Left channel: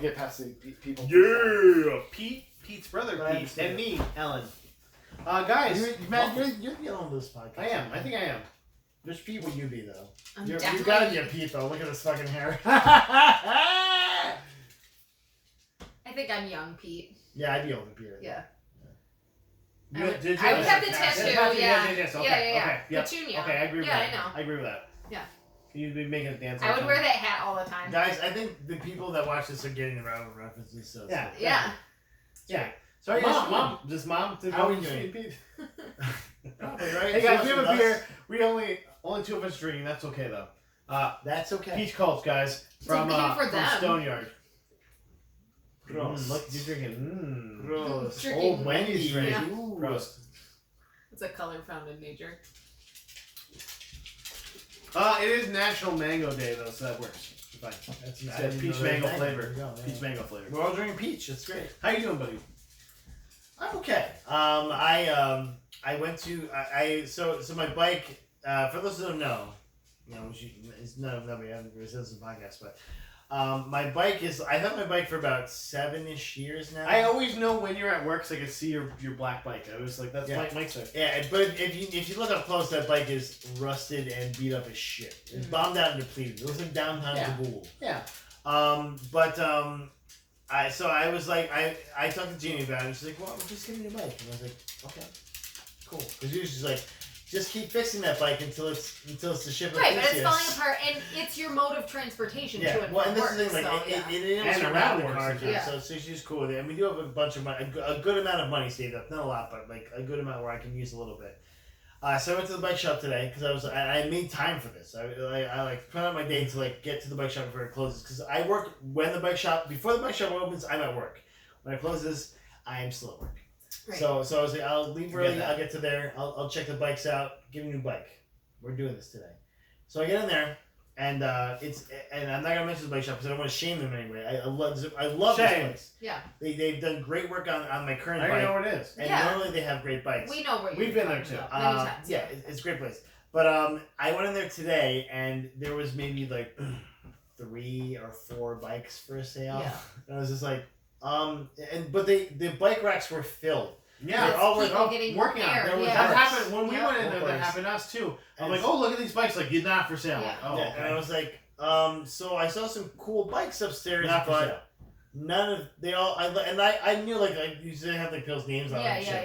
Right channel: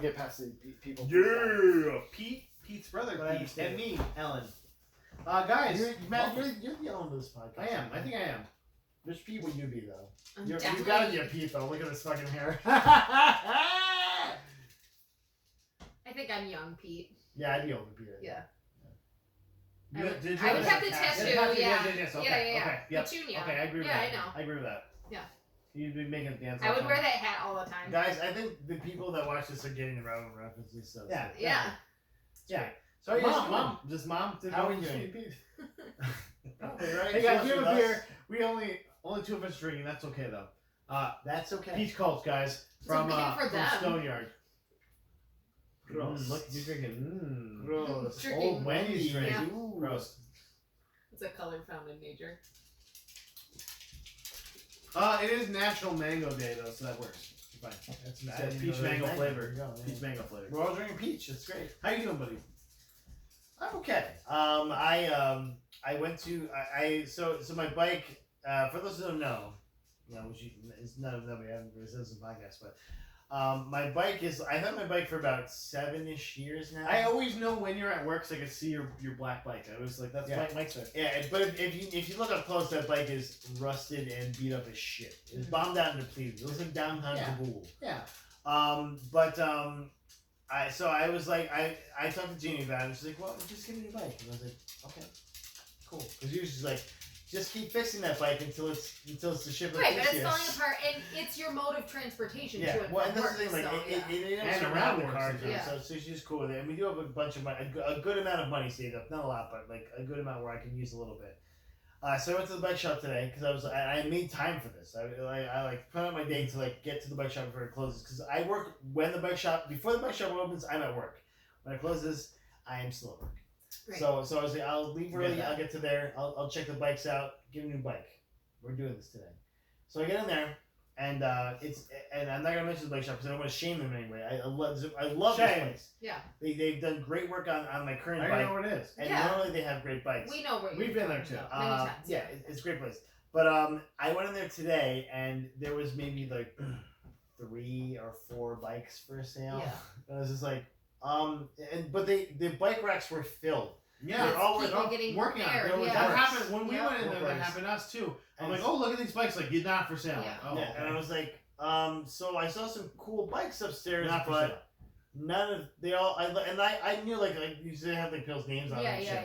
Get past the people. Yeah, Pete's brother, Pete, and me, Ellen. Guys, you're the owner of this podcast. I am. I think I am. Which Pete would you be though? You gotta be a Pete though. Look at this fucking hair. I think I'm young Pete. Yeah, I'd be older Pete. Yeah. I would have the tattoo. Yeah. Yes, okay, Yeah. Okay, yep. Petunia. Okay, I agree with Yeah, that. I know. I agree with that. Yeah. You'd be making a dance. I would wear that hat all the time. Guys, I think the people that watch this are getting the relevant references. So Yeah. Yeah. Yeah. So Mom. Just mom. How are you doing? Pete? Right? Hey guys, we have a beer. We only two of us drinking. That's okay though. That's okay. Peach Cult, guys, from for them. Stoneyard. Gross. Look, you're drinking. Gross. Drinking Old Wendy's drink. yeah. Ooh. Gross. It's a color found in nature. It is National Mango Day though, so that works. Fine. It's peach mango flavor. Peach mango flavor. We're all drinking peach. It's great. How you doing, buddy? I'm okay. I went to so my bike. For those who don't know, it's nobody haven't listened to the podcast, but my bike is. I've had my bike for about 7-ish years now. I always know when you're at work, so I can see your black bike. I was like, that's Mike's bike. Yeah, but if you look up close, that bike is rusted and beat up as shit. It's bombed out and depleted. It looks like downtown Kabul. Yeah. I was like, I talked to Jeannie about it, and she's like, well, we're just getting a new bike. And I was like, okay, cool. Because she was just like, just keep fixing that bike until it's the ship. Right, but it's falling apart, and it's your mode of transportation to and well, from and work. this is the thing, like, it And around the around car, work, too. yeah. So she's cool with it, and we do have a bunch of money, a good amount of money saved up, not a lot, but like a good amount where I can use a little bit. So I went to the bike shop today because I made time for this. I like plan out my day to like get to the bike shop before it closes because I work before the bike shop opens. I'm at work. When it closes, I am still at work. Right. So I was like, I'll leave early. I'll get to there. I'll check the bikes out. Get a new bike. We're doing this today. So I get in there, and I'm not gonna mention the bike shop because I don't want to shame them anyway. I love this place. Yeah. They've done great work on my current I bike. don't know where it is. And normally they have great bikes. We know where We've been there too. Many times. Yeah, it's a great place. But I went in there today, and there was maybe like 3 or 4 bikes for sale. Yeah. And I was just like, but the bike racks were filled. Yeah, they're all getting working on it. repaired. That Yeah. happened when we went in there. That happened to us too. I'm like, oh, look at these bikes. Like, you're not for sale. Yeah. Oh, Yeah, and I was like, so I saw some cool bikes upstairs, not for but sale. none of I knew like I usually have like people's names on them. And shit.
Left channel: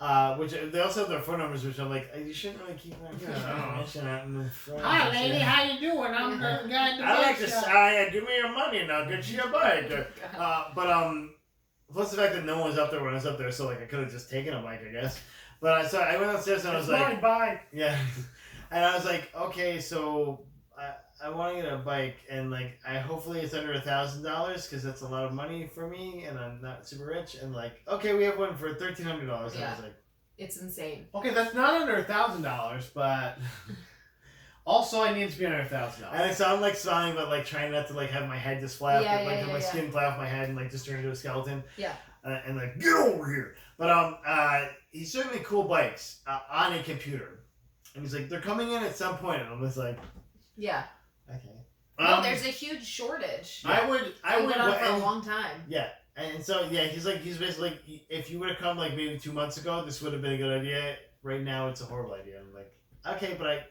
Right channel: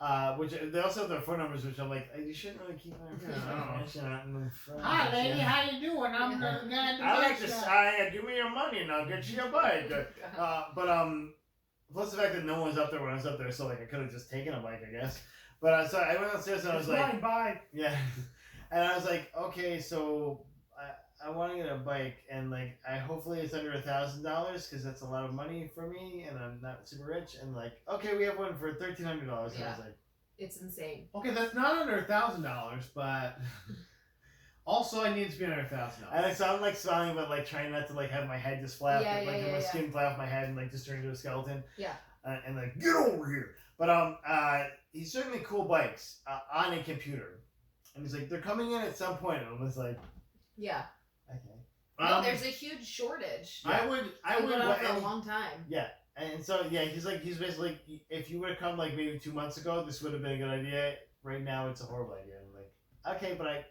Yeah. Which they also have their phone numbers, which I'm like, you shouldn't really keep them. Hi, lady. How you doing? I'm the guy at the I like bike to shop. say, give me your money and I'll get you a bike. Plus the fact that no one was up there when I was up there, so like I could have just taken a bike, I guess. But so I went upstairs and I was like, bye. yeah, and I was like, okay, so I want to get a bike, and like hopefully it's under $1,000 because that's a lot of money for me, and I'm not super rich. And like, okay, we have one for $1,300. And I was like, It's insane. Okay, that's not under $1,000, but also I need it to be under $1,000. and so I'm like smiling, but like trying not to like have my head just fly off, have my skin fly off my head and like just turn into a skeleton. Yeah. And like get over here. But he's showing me cool bikes on a computer, and he's like, they're coming in at some point, and I'm just like, Yeah. okay. No, there's a huge shortage. I would Been on for a long time. Yeah. And so he's basically like, if you would have come like maybe 2 months ago, this would have been a good idea. Right now, it's a horrible idea. I'm like, okay, but I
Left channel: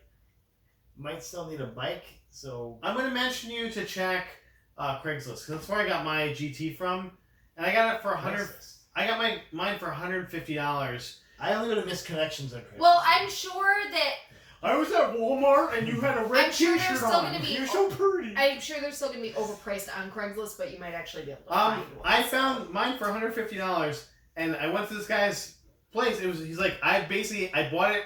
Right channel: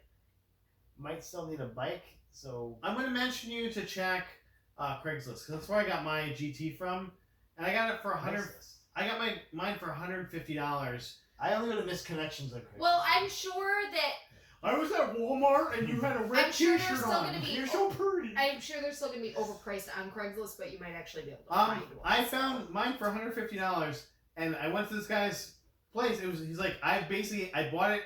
might still need a bike, so I'm gonna mention you to check Craigslist because that's where I got my GT from, and I got it for $100. I got mine for $150. I only go to misconnections on Craigslist. Well, I'm sure that I was at Walmart and you had a red I'm sure T-shirt there's still on. gonna be- You're so pretty. I'm sure they're still gonna be overpriced on Craigslist, but you might actually be able to find one. I found mine for $150, and I went to this guy's place. He's like, I bought it.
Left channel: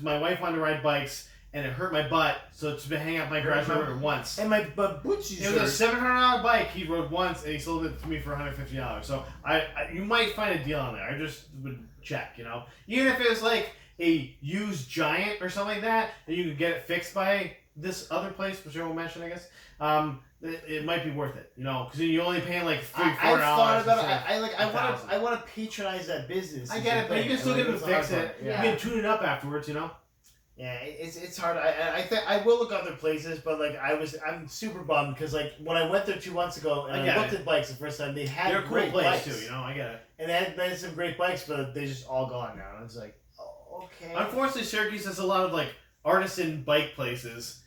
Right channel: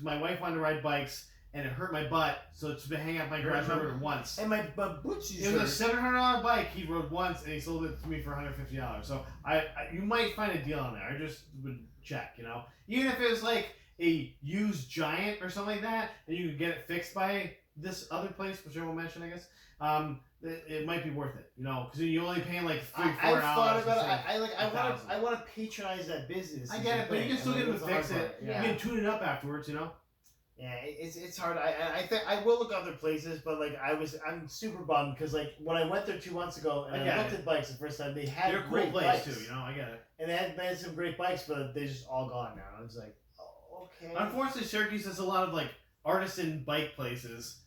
My wife wanted to ride bikes, and it hurt my butt, so it's been hanging out my garage door once. And my bootsies. It was a $700 bike he rode once, and he sold it to me for $150. So you might find a deal on there. I just would check, even if it was like a used Giant or something like that, and you could get it fixed by this other place, which I won't mention, I guess. It might be worth it, because you're only paying like $3-4. I thought about it. I want to patronize that business. I get it, but you can still get it fixed. Yeah. You can tune it up afterwards, Yeah, it's hard. I will look other places, but like I'm super bummed because like when I went there 2 months ago and I looked at bikes the first time, they had They're a cool great place bikes too. You know, I get it. and they had some great bikes, but they're just all gone now. And it's like, oh, okay. Unfortunately, Syracuse has a lot of like artisan bike places,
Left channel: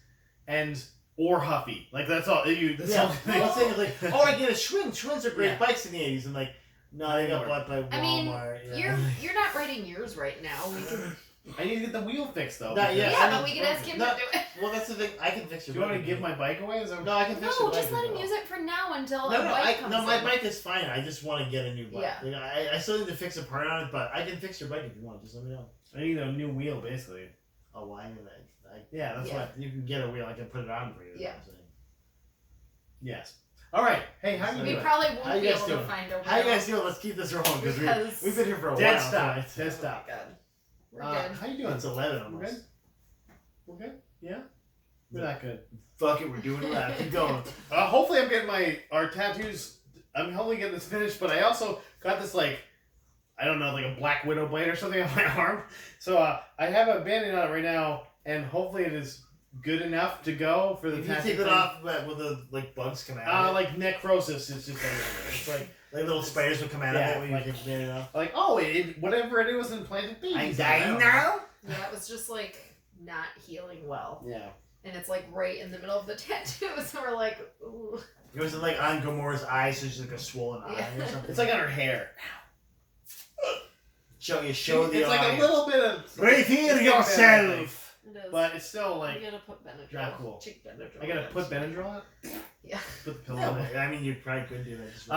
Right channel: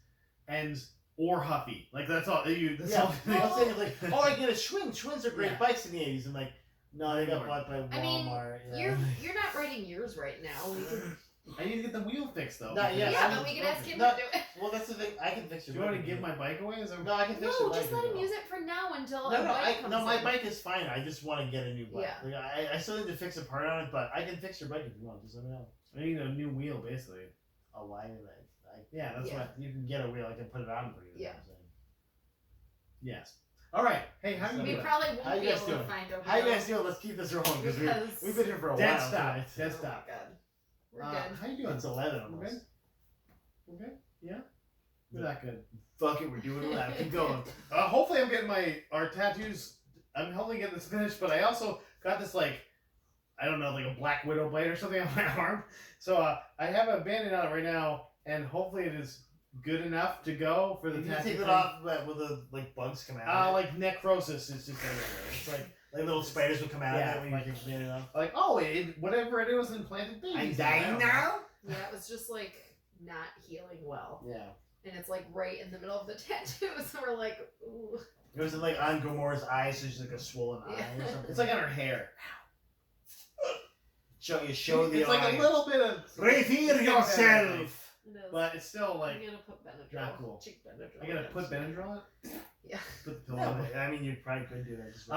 or Huffy. Like that's all you. That's all. I was thinking like, oh, I get a Schwinn. Schwinns are great Yeah. bikes in the '80s. I'm like, no, they got bought by Walmart. I mean, yeah. you're not writing yours right now. We can. I need to get the wheel fixed though. Not yet. Yeah, but we can ask him to do it. Well, that's the thing. I can fix Do your you want bike. to give my bike away? Is that... No, I can fix your No, bike. just let as him well. use it for now until No, a bike comes my in. bike is fine. I just want to get a new bike. Yeah. Like, I still need to fix a part on it, but I can fix your bike if you want. Just let me know. I need a new wheel, basically. Oh, why did Yeah, that's Yeah. what. You can get a wheel. I can put it on for you. Yeah. That's what I'm saying. Yes. All right. Hey, how you We doing? probably How won't you be guys able to doing? find a How you wheel. guys doing? Let's keep this rolling because Because- we've been here for a Dead while. stop. tonight. Dead Oh stop. my God. We're good. How you doing? It's 11 We're almost. good. We're good. Yeah. We're not good. Fuck it, we're doing it loud. Keep going. Hopefully, I'm getting our tattoos. I'm hopefully getting this finished, but I also got this like, I don't know, like a Black Widow blade or something on my arm. So I have a bandage on it right now, and hopefully it is good enough to go for the If you tattoo. take it off, will the like bugs come out? Like necrosis is just everywhere. It's like little spiders will come out Yeah, of it when like- you take it off. oh, whatever it was implanted. I'm dying now. Yeah, it was just like not healing well. Yeah. And it's like right in the middle of the tattoo, so we're like, ooh. It was like on Gamora's eye, so she's like a swollen eye Yeah. or something. It's like on her hair. show the It's audience. like a little bit of. Reveal It's yourself. It is. But it's still I like. gotta put Benadryl. Not cool. Cheek Benadryl. I gotta again. put Benadryl on it. Yeah. Put the pillow No, on it. I mean, you probably could do that. Just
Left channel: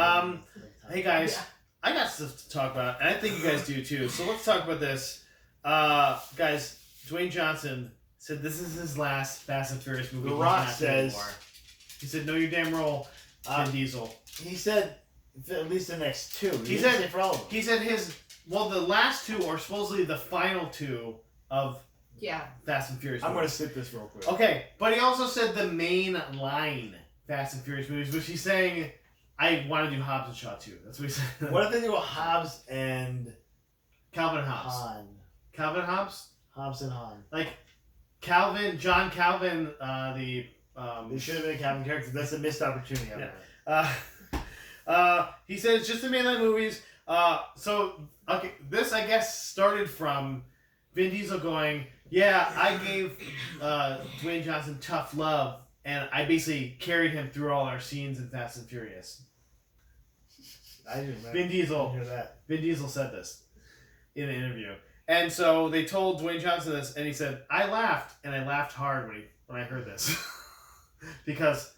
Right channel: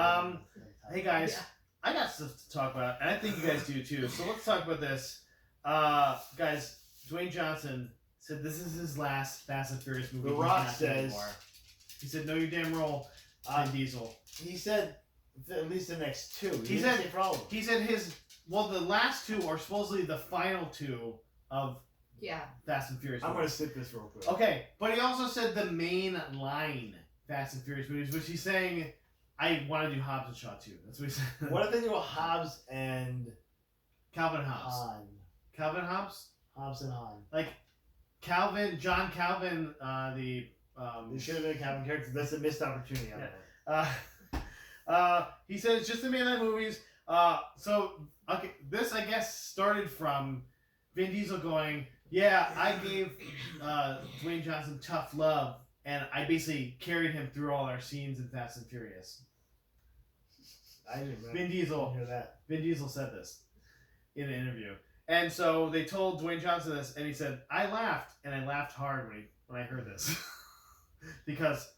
Hey guys, Yeah. I got stuff to talk about, and I think you guys do too. So let's talk about this. Guys, Dwayne Johnson said this is his last Fast and Furious movie. The He's Rock not doing says- anymore. He said, "Know your damn role, Vin Diesel." He said at least the next two. He didn't said- say for all of them. He said the last two are supposedly the final two of Yeah. Fast and Furious. I'm gonna movies. skip this real quick. Okay, but he also said the main line Fast and Furious movies, which he's saying, I want to do Hobbs and Shaw too. That's what he said. What if they do a Hobbs and Calvin Hobbs. Han? Calvin Hobbs? Hobbs and Han. Like John Calvin, They should have been a Calvin character. That's a missed opportunity. On Yeah. that. he said it's just the mainline movies. So okay, this I guess started from Vin Diesel going, yeah, I gave Dwayne Johnson tough love, and I basically carried him through all our scenes in Fast and Furious. I didn't remember. Vin Diesel. hear that. Vin Diesel said this in an interview, and so they told Dwayne Johnson this, and he said, I laughed, and I laughed hard when I heard this, because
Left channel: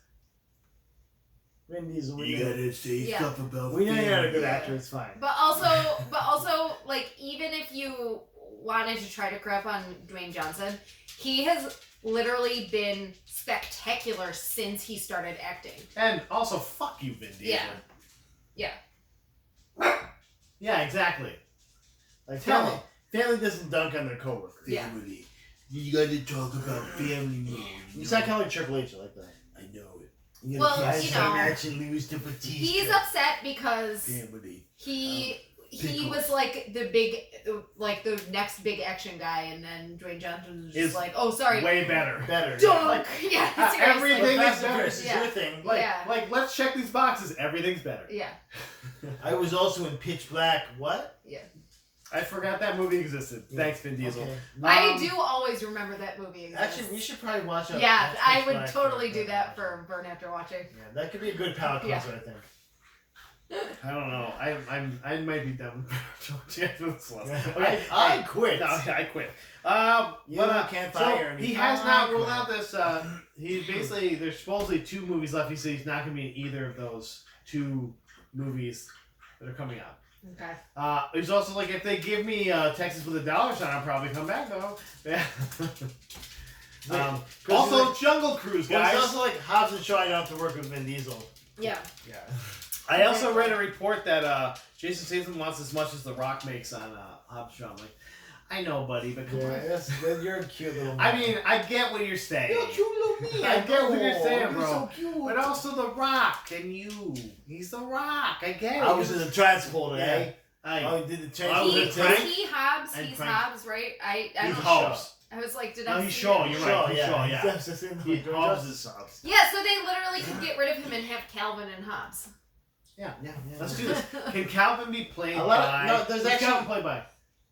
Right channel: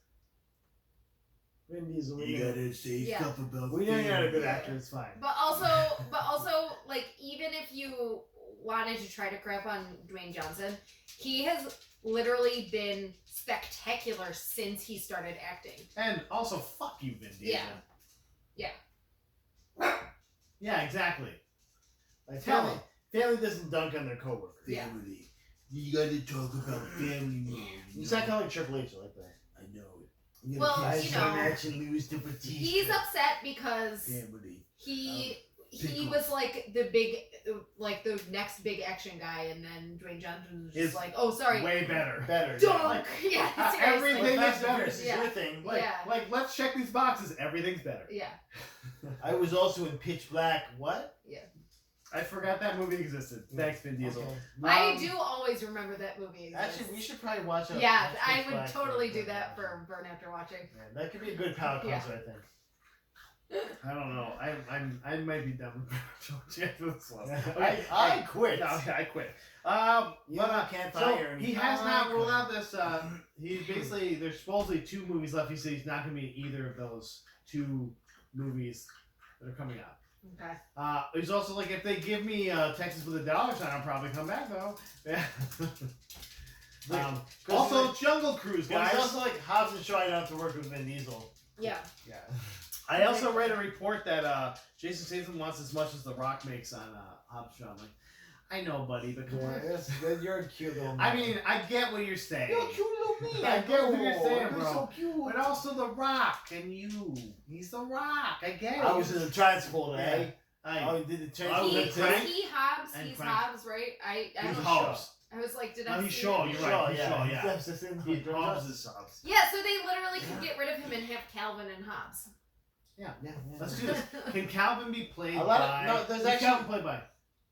Vin Diesel. You gotta say Yeah. stuff about We know you're not a good Yeah. actor. It's fine. But also, like, even if you wanted to try to crap on Dwayne Johnson, he has literally been spectacular since he started acting. and also fuck you, Vin Diesel. Yeah. Yeah, exactly. Like Tell family doesn't dunk on their coworkers. Yeah. family. You gotta talk about family more. You sound kind of like Triple H. I like that. I know it. You Well, gotta you catch know, some match and lose to Batista. He's upset because Family. he Pickles. was like the next big action guy, and then Dwayne Johnson was just Is like, oh, sorry, Way better. better. dunk. Yeah, seriously. everything Fast is and better. Furious is Yeah. your thing. Like, Yeah. like, let's check these boxes. Everything's better. Yeah, I was also in Pitch Black. What? I forgot that movie existed. Thanks, Vin Diesel. Okay. I do always remember that movie exists. Actually, we should probably watch it. Yeah, watch I Pitch would Black totally for- do that for Burn After Watching. Yeah, that could be a good palate Yeah. cleanser, I think. I don't know. I might be done. After this one. I quit. No, yeah, I quit. You But can't so fire me. he has not I ruled quit. out this. He basically there's supposedly 2 movies left. He said he's not going to be in either of those 2 movies that are coming out. Okay. He's also like, if they give me Texas with a dollar sign, I'll probably come back though. Also, like, Jungle Cruise, well, guys. it's also like Hobbs and Shaw. I don't have to work with Vin Diesel. Yeah. Yeah. I also read a report that Jason Statham wants as much as The Rock makes on Hobbs and Shaw. I'm like, I know, buddy, but come on. You're a cute little. I mean, I get what you're saying. you're a cute little me. I get what you're saying, You're bro. so cute. But also The Rock and you. He's The Rock. I get it. I was in the transporter, eh? I Oh, you did the I was He, in transporter. Frank? he Hobbs. And He's Frank. Hobbs, right? I He's don't. Hobbs. I was like, did No, I he's see Shaw. him? You're right. He's Shaw. He's Yeah. Yes, it's in He Dwayne Hobbs Johnson. is Hobbs. Yeah, so they literally could get rid of him and have Calvin and Hobbs. Yeah. Yeah, Let's do this. Can Calvin be played A lot by? of- no, there's who's actually- Calvin played by?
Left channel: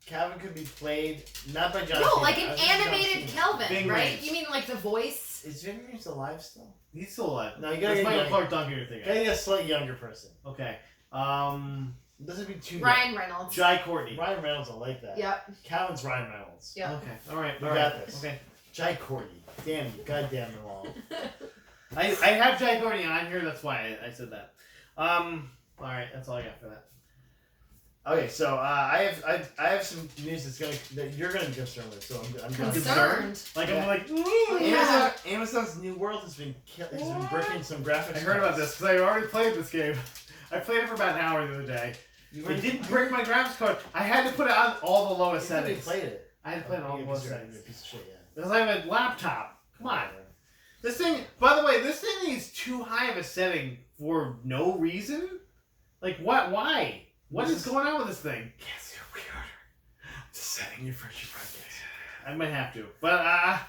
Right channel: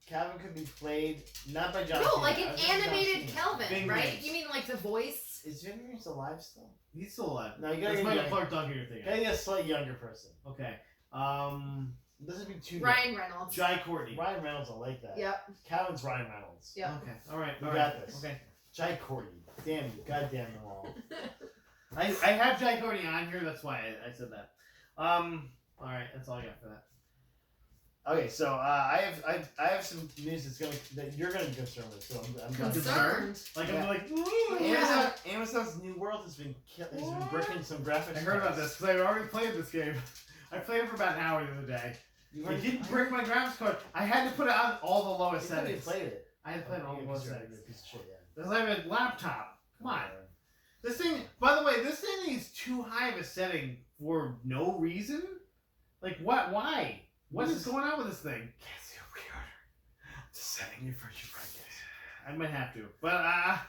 Calvin could be played not by John No, Cena. like I an was thinking John animated Cena. Calvin, Fing right? Rings. You mean like the voice? Is Vin Rhames alive still? He's still alive. No, you gotta That's get Michael young. Clark Duncan you're thinking. Gotta get a slightly younger person. Okay. It doesn't be too Ryan Reynolds. Jai Courtney. Ryan Reynolds will like that. Yep. Calvin's Ryan Reynolds. Yep. Okay. All right. We all got right. this. Okay. Jai Courtney. Damn you. Goddamn them all. I have Jai Courtney on here. That's why I said that. All right. That's all I got for that. Okay, so I have some news that you're gonna be concerned with. So I'm Concerned. Like Yeah. I'm like. Yeah. Amazon's New World has been breaking some graphics. I heard about this because I already played this game. I played it for about an hour the other day. They didn't break my graphics card. I had to put it on all the lowest You settings. played it. I had to play it on all the lowest settings. You're a piece of shit, yeah. Because I have a laptop. Come on. This thing, by the way, this thing is too high of a setting for no reason. Like, what? Why? What is going on with this thing? Yes, you're pre-order. Just setting you for your podcast. I might have to, but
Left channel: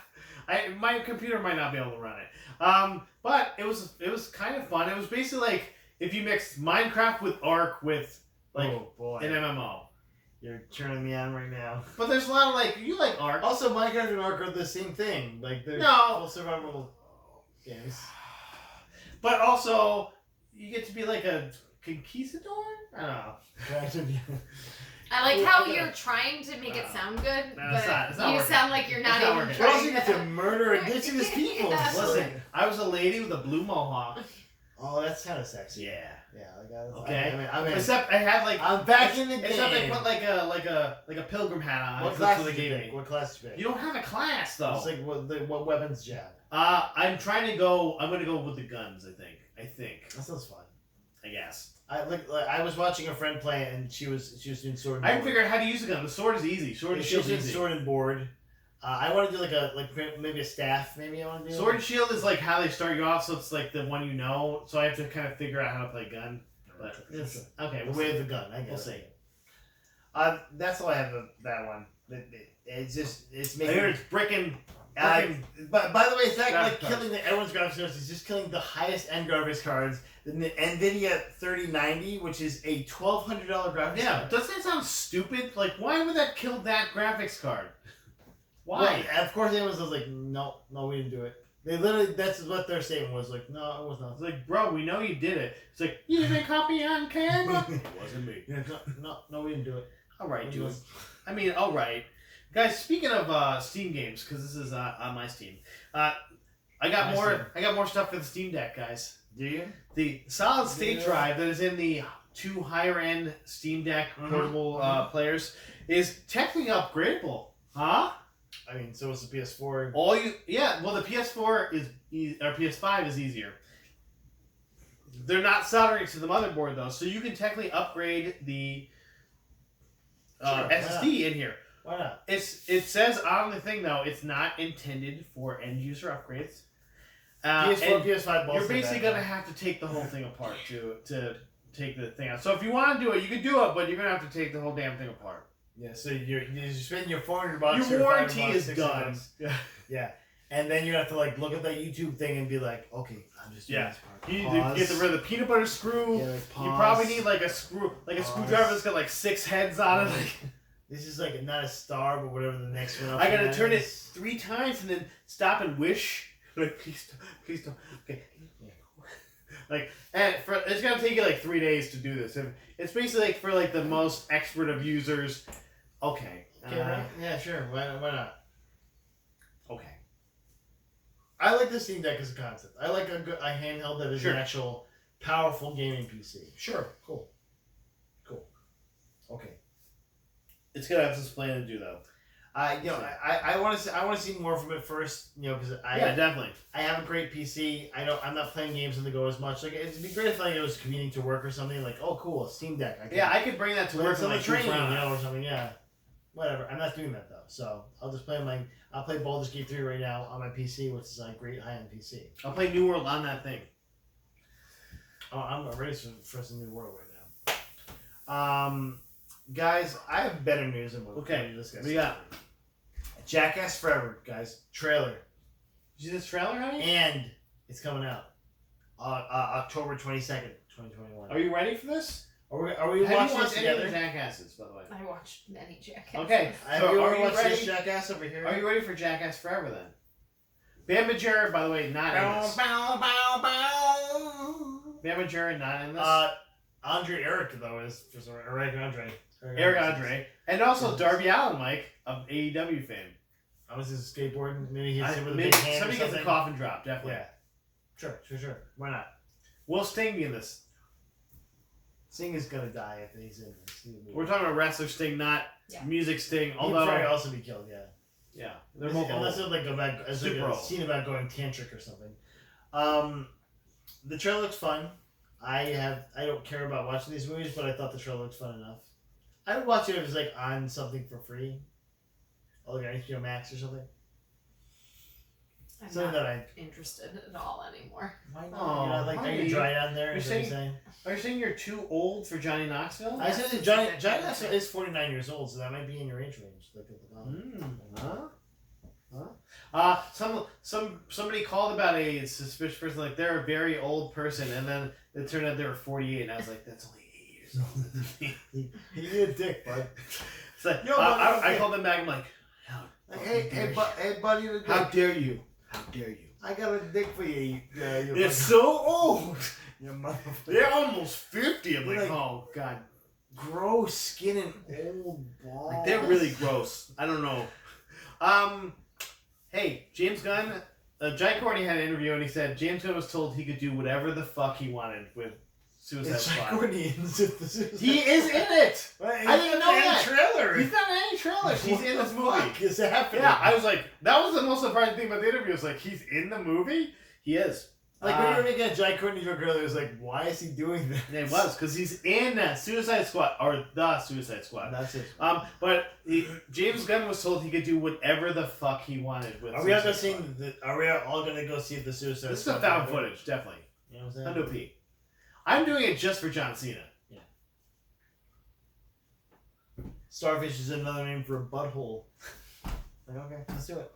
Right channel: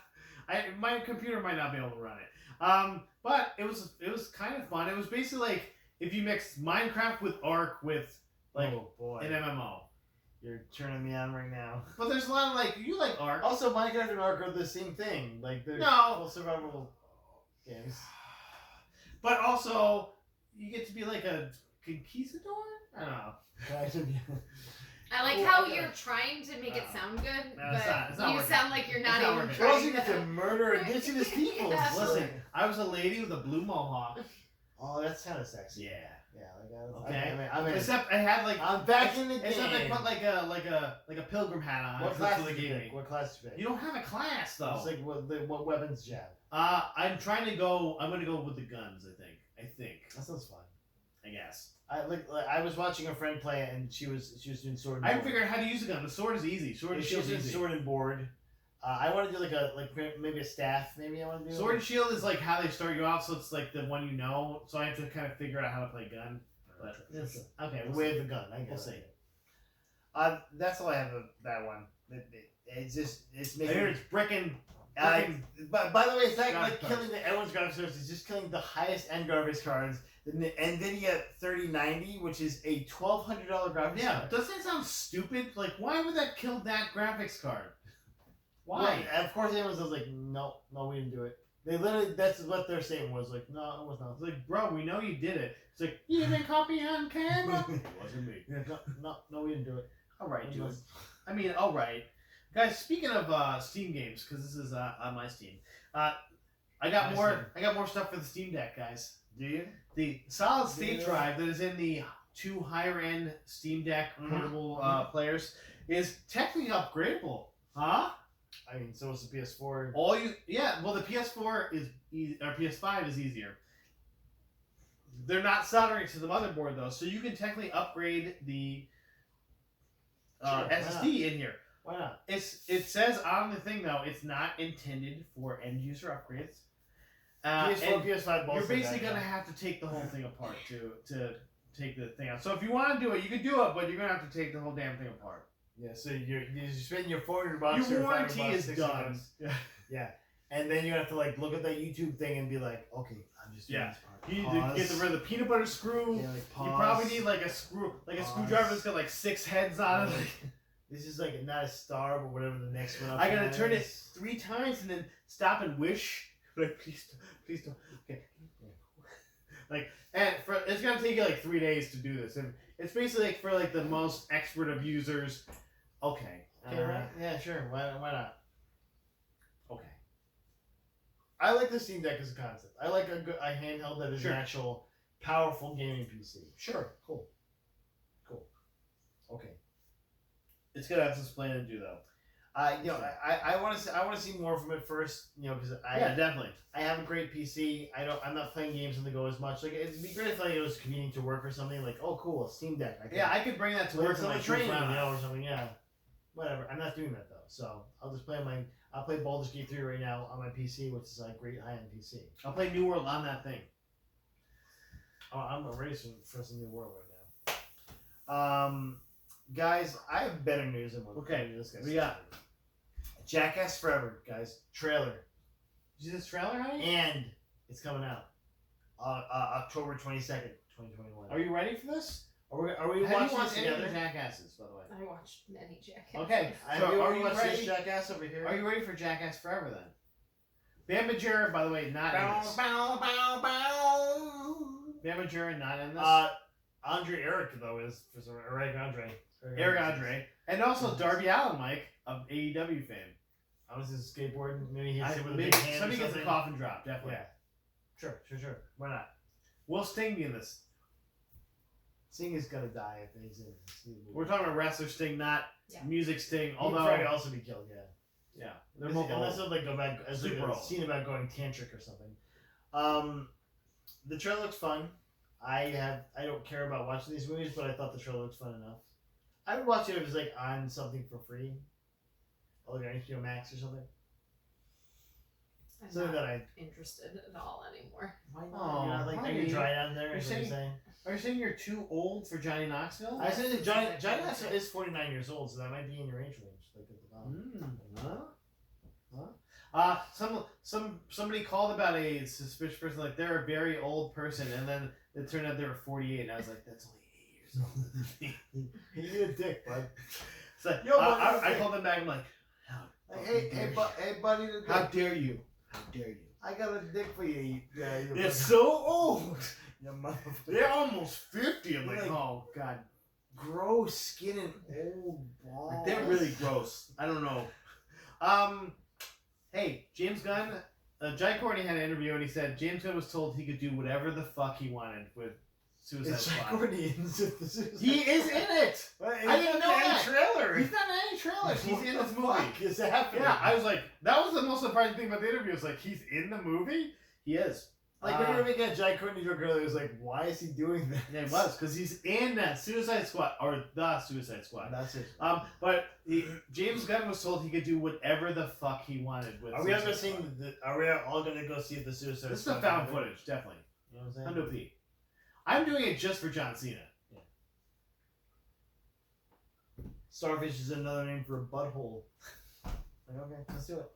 my computer might not be able to run it. But it was kind of fun. It was basically like if you mix Minecraft with Ark with like Oh boy, an MMO. you're turning me on right now. But there's a lot of like you like Ark. Also, Minecraft and Ark are the same thing. Like they're No. full survival games. But also you get to be like a conquistador. I don't know. I like Oh, how I gotta- you're trying to make it sound good, No, it's not- but it's not you working. sound like you're It's not not even working. We're also trying going to murder indigenous people. Yeah. Listen, I was a lady with a blue mohawk. Oh, that's kind of sexy. Yeah. Yeah, like Okay. I mean, Except I had like I'm back in the game. except I put like a pilgrim hat on. What That's class what they did you gave pick? me. What class did you pick? You don't have a class though. It's like what weapons do you have? I'm trying to go. I'm gonna go with the guns. I think. That sounds fun. I guess. I was watching a friend play it and she was doing sword and I board. can figure out how to use a gun. The sword is easy. Sword and She shield was is doing easy. sword and board. I want to do maybe a staff. Maybe I want to do Sword and shield is like how they start you off, so it's like the one you know. So I have to kind of figure out how to play gun. But Yes. okay, The we'll way see. of the gun. I guess. We'll see. That's all I have of that one. It's I making. hear it's bricking. But by the way, it's not like Graphics cards. killing everyone's graphics cards. It's just killing the highest end graphics cards. The NVIDIA 3090, which is a $1,200 graphics Yeah, card. doesn't that sound stupid? Like, why would that kill that graphics card? Why? Well, of course, Amazon was like, no, we didn't do it. They literally, that's what their statement was like. No, it was not. It's like, bro, we know you did it. It's like, you didn't copy on camera. It wasn't me. Yeah, no, we didn't do it. All right, It dude. was- I mean, all right, guys. Speaking of Steam games, because this is on my Steam, I got My more. Steam. I got more stuff for the Steam Deck, guys. Do you? The solid state Yeah. drive that is in the two higher end Steam Deck Mhm. portable Mhm. players is technically upgradable, huh? I mean, so was the PS4. Well, the PS4 is or PS5 is easier. They're not soldering to the motherboard though, so you can technically upgrade the Sure, why SSD in here. Why not? It says on the thing though, it's not intended for end user upgrades. PS4, and PS5. both you're say basically that, gonna have to take the whole thing apart to take the thing out. So if you want to do it, you can do it, but you're gonna have to take the whole damn thing apart. Yeah, so you're spending your $400. Your or warranty $500, is $600. done. Yeah, and then you have to like look at that YouTube thing and be like, okay, I'm just doing Yeah. this part. You need to get rid of the peanut butter screw. Yeah, like, You pause. probably need like a Pause. screwdriver that's got like 6 heads on it. Like, This is like not a star, but whatever the next one. I gotta turn it 3 times and then stop and wish. Like, please don't. Okay. Like, and it's gonna take you like 3 days to do this. And it's basically like for like the most expert of users. Okay. Okay, right? Yeah, sure. Why not? Okay. I like the Steam Deck as a concept. I like a handheld that is Sure. an actual powerful gaming PC. Sure. Cool. Okay. It's gonna have some explaining to do though. I want to see more from it first. Because Yeah, definitely. I have a great PC. I'm not playing games on the go as much. Like it'd be great if I was commuting to work or something. Like, oh, cool, a Steam Deck. I could bring that to play work some on my training, train. or something. Yeah, whatever. I'm not doing that though. So I'll just play I'll play Baldur's Gate 3 right now on my PC, which is a great high-end PC. I'll play New World on that thing. Oh, I'm ready for some New World right now. Guys, I have better news than what Okay, we discussed. we got- Jackass Forever, guys. Trailer. Did you see this trailer, honey? And it's coming out. October 22nd, 2021. Are you ready for this? Are we Have you watching this watched any of the together? Jackasses, by the way? I watched many Jackass. Okay, Have so you are ever you watched ready? this Jackass over here? Are you ready for Jackass Forever then? Bam Majera, by the way, not in this. Bam Majera, not in this. Andre Eric, though, is Eric Andre. Eric Andre. And also Darby Allin, Mike, of AEW fame. I was his skateboarding. Maybe he's with a Maybe big hand or somebody gets a something. coffin drop, definitely. Yeah. Sure. Why not? Will Sting be in this? Sting is gonna die if he's in this. We're talking about wrestler Sting, not Yeah. music Sting. He'd Although, probably also be killed, yeah, they're both unless old. it's like a Super old. scene about going tantric or something. The trailer looks fun. I don't care about watching these movies, but I thought the trailer looked fun enough. I would watch it if it was like on something for free, like on HBO Max or something. I'm Something not that I. interested at all anymore. Why not? Oh, You're not like are honey. you dry down there? You're Is what you're saying? Are you saying you're too old for Johnny Knoxville? I said that Johnny Knoxville is 49 years old, so that might be in your age range. Like at the bottom. Somebody called about a suspicious person, like they're a very old person, and then it turned out they were 48, and I was like, that's only 8 years older than me. You're a dick, bud. It's like, Yo, buddy, I okay. called them back. I'm like, Hey, buddy, how dare you? How dare you? I got a dick for you. They're so old. You motherfucker. They're almost 50. I'm You're like, like- oh god, Gross skin and old balls. like, they're really gross. I don't know. Hey, James Gunn. Jai Courtney had an interview and he said James Gunn was told he could do whatever the fuck he wanted with Suicide It's Squad. Courtney in the Suicide He is in it. I didn't know that. Trailer. He's not in any trailers. He's What in the this movie. fuck is happening? Yeah, I was like, that was the most surprising thing about the interview. Was like, he's in the movie. He is. Like when you were making a Jai Courtney joke earlier, it was like, why is he doing this? It was because he's in that Suicide Squad or the Suicide Squad. That's it. But James Gunn was told he could do whatever the fuck he wanted with. Are we all Suicide gonna Squad. see? Are we all gonna go see the Suicide This is Squad? the found footage, definitely. You know what I'm saying? Under P. I'm doing it just for John Cena. Starfish is another name for a butthole. Like, okay, let's do it.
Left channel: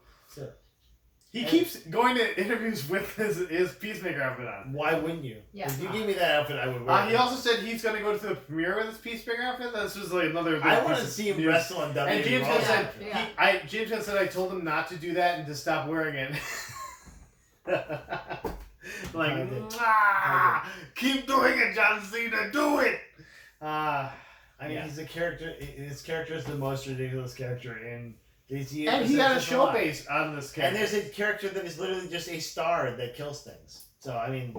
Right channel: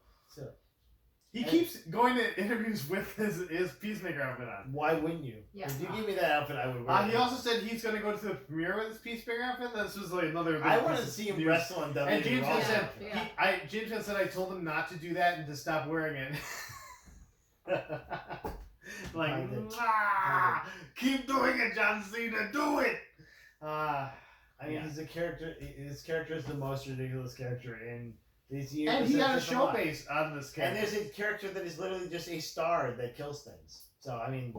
He keeps going to interviews with his Peacemaker outfit on. Why wouldn't you? Yeah. If you gave me that outfit, I would wear it. He also said he's going to go to the premiere with his Peacemaker outfit. This was like another. I want to see him news. wrestle on WWE. And James Raw. Gunn said, Yeah. James Gunn said I told him not to do that and to stop wearing it. Like, I did. keep doing it, John Cena, do it. I mean, Yeah. he's a character. His character is the most ridiculous character in DC. And he had a There's show lot. based on this And character. there's a character that is literally just a star that kills things. So I mean,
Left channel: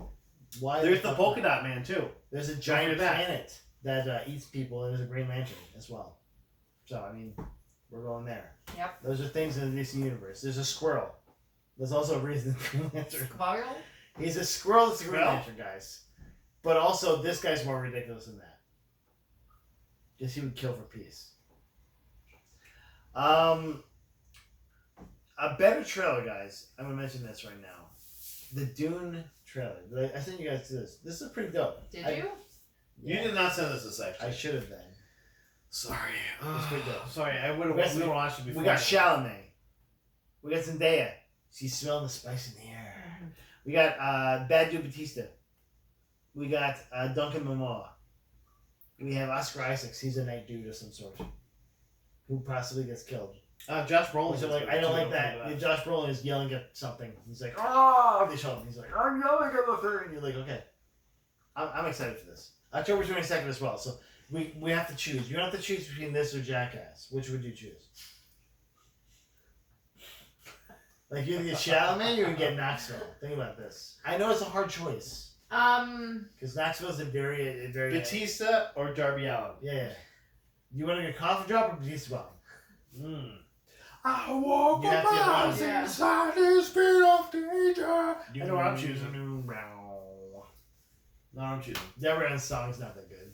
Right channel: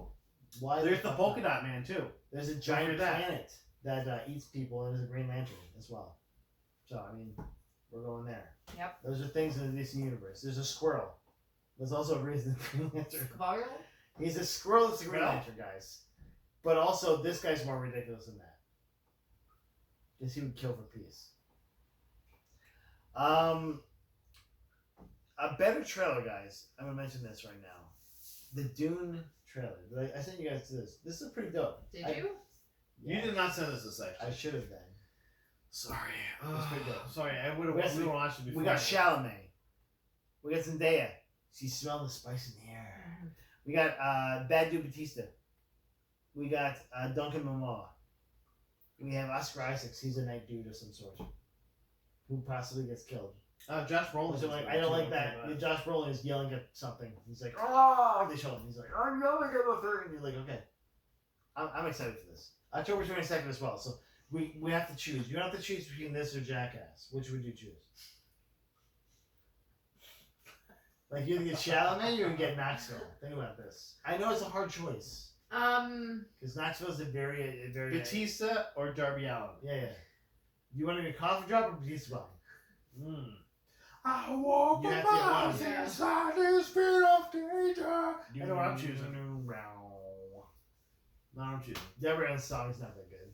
why? There's the fuck polka not? dot man too. There's a giant that. planet that eats people, and there's a Green Lantern as well. So I mean, we're going there. Yep. Those are things in the DC universe. There's a squirrel. There's also a reason the Green Lantern. Squirrel? He's a squirrel that's a Green Squirrel? Lantern, guys. But also, this guy's more ridiculous than that. Because he would kill for peace. A better trailer, guys. I'm gonna mention this right now. The Dune trailer. I sent you guys to this. This is pretty dope. Did I- you? You did not send us this I section. should have then. Sorry. It's pretty dope. Sorry, I would We got have some- watched it before. We got Chalamet. We got Zendaya. She's smelling the spice in the air. We got Bad Dude Batista. We got Duncan Momoa. We have Oscar Isaacs. He's a night dude of some sort. Who possibly gets killed. Josh Brolin. Which I'm like, I don't like that. Josh Brolin is yelling at something. He's like, oh, they show him. He's like, I'm yelling at the thing. And you're like, okay. I'm excited for this. October 22nd as well. So we have to choose. You have to choose between this or Jackass. Which would you choose? Like, you either get Chalamet or you get Knoxville. Think about this. I know it's a hard choice. Because Knoxville's a very... Batista or Darby Allin. Yeah. You want to get a coffee drop or Batista bomb? I walk You have to get one. Yeah. inside the spirit of danger. I know what I'm choosing. No, I'm choosing. Deborah's song's not that good.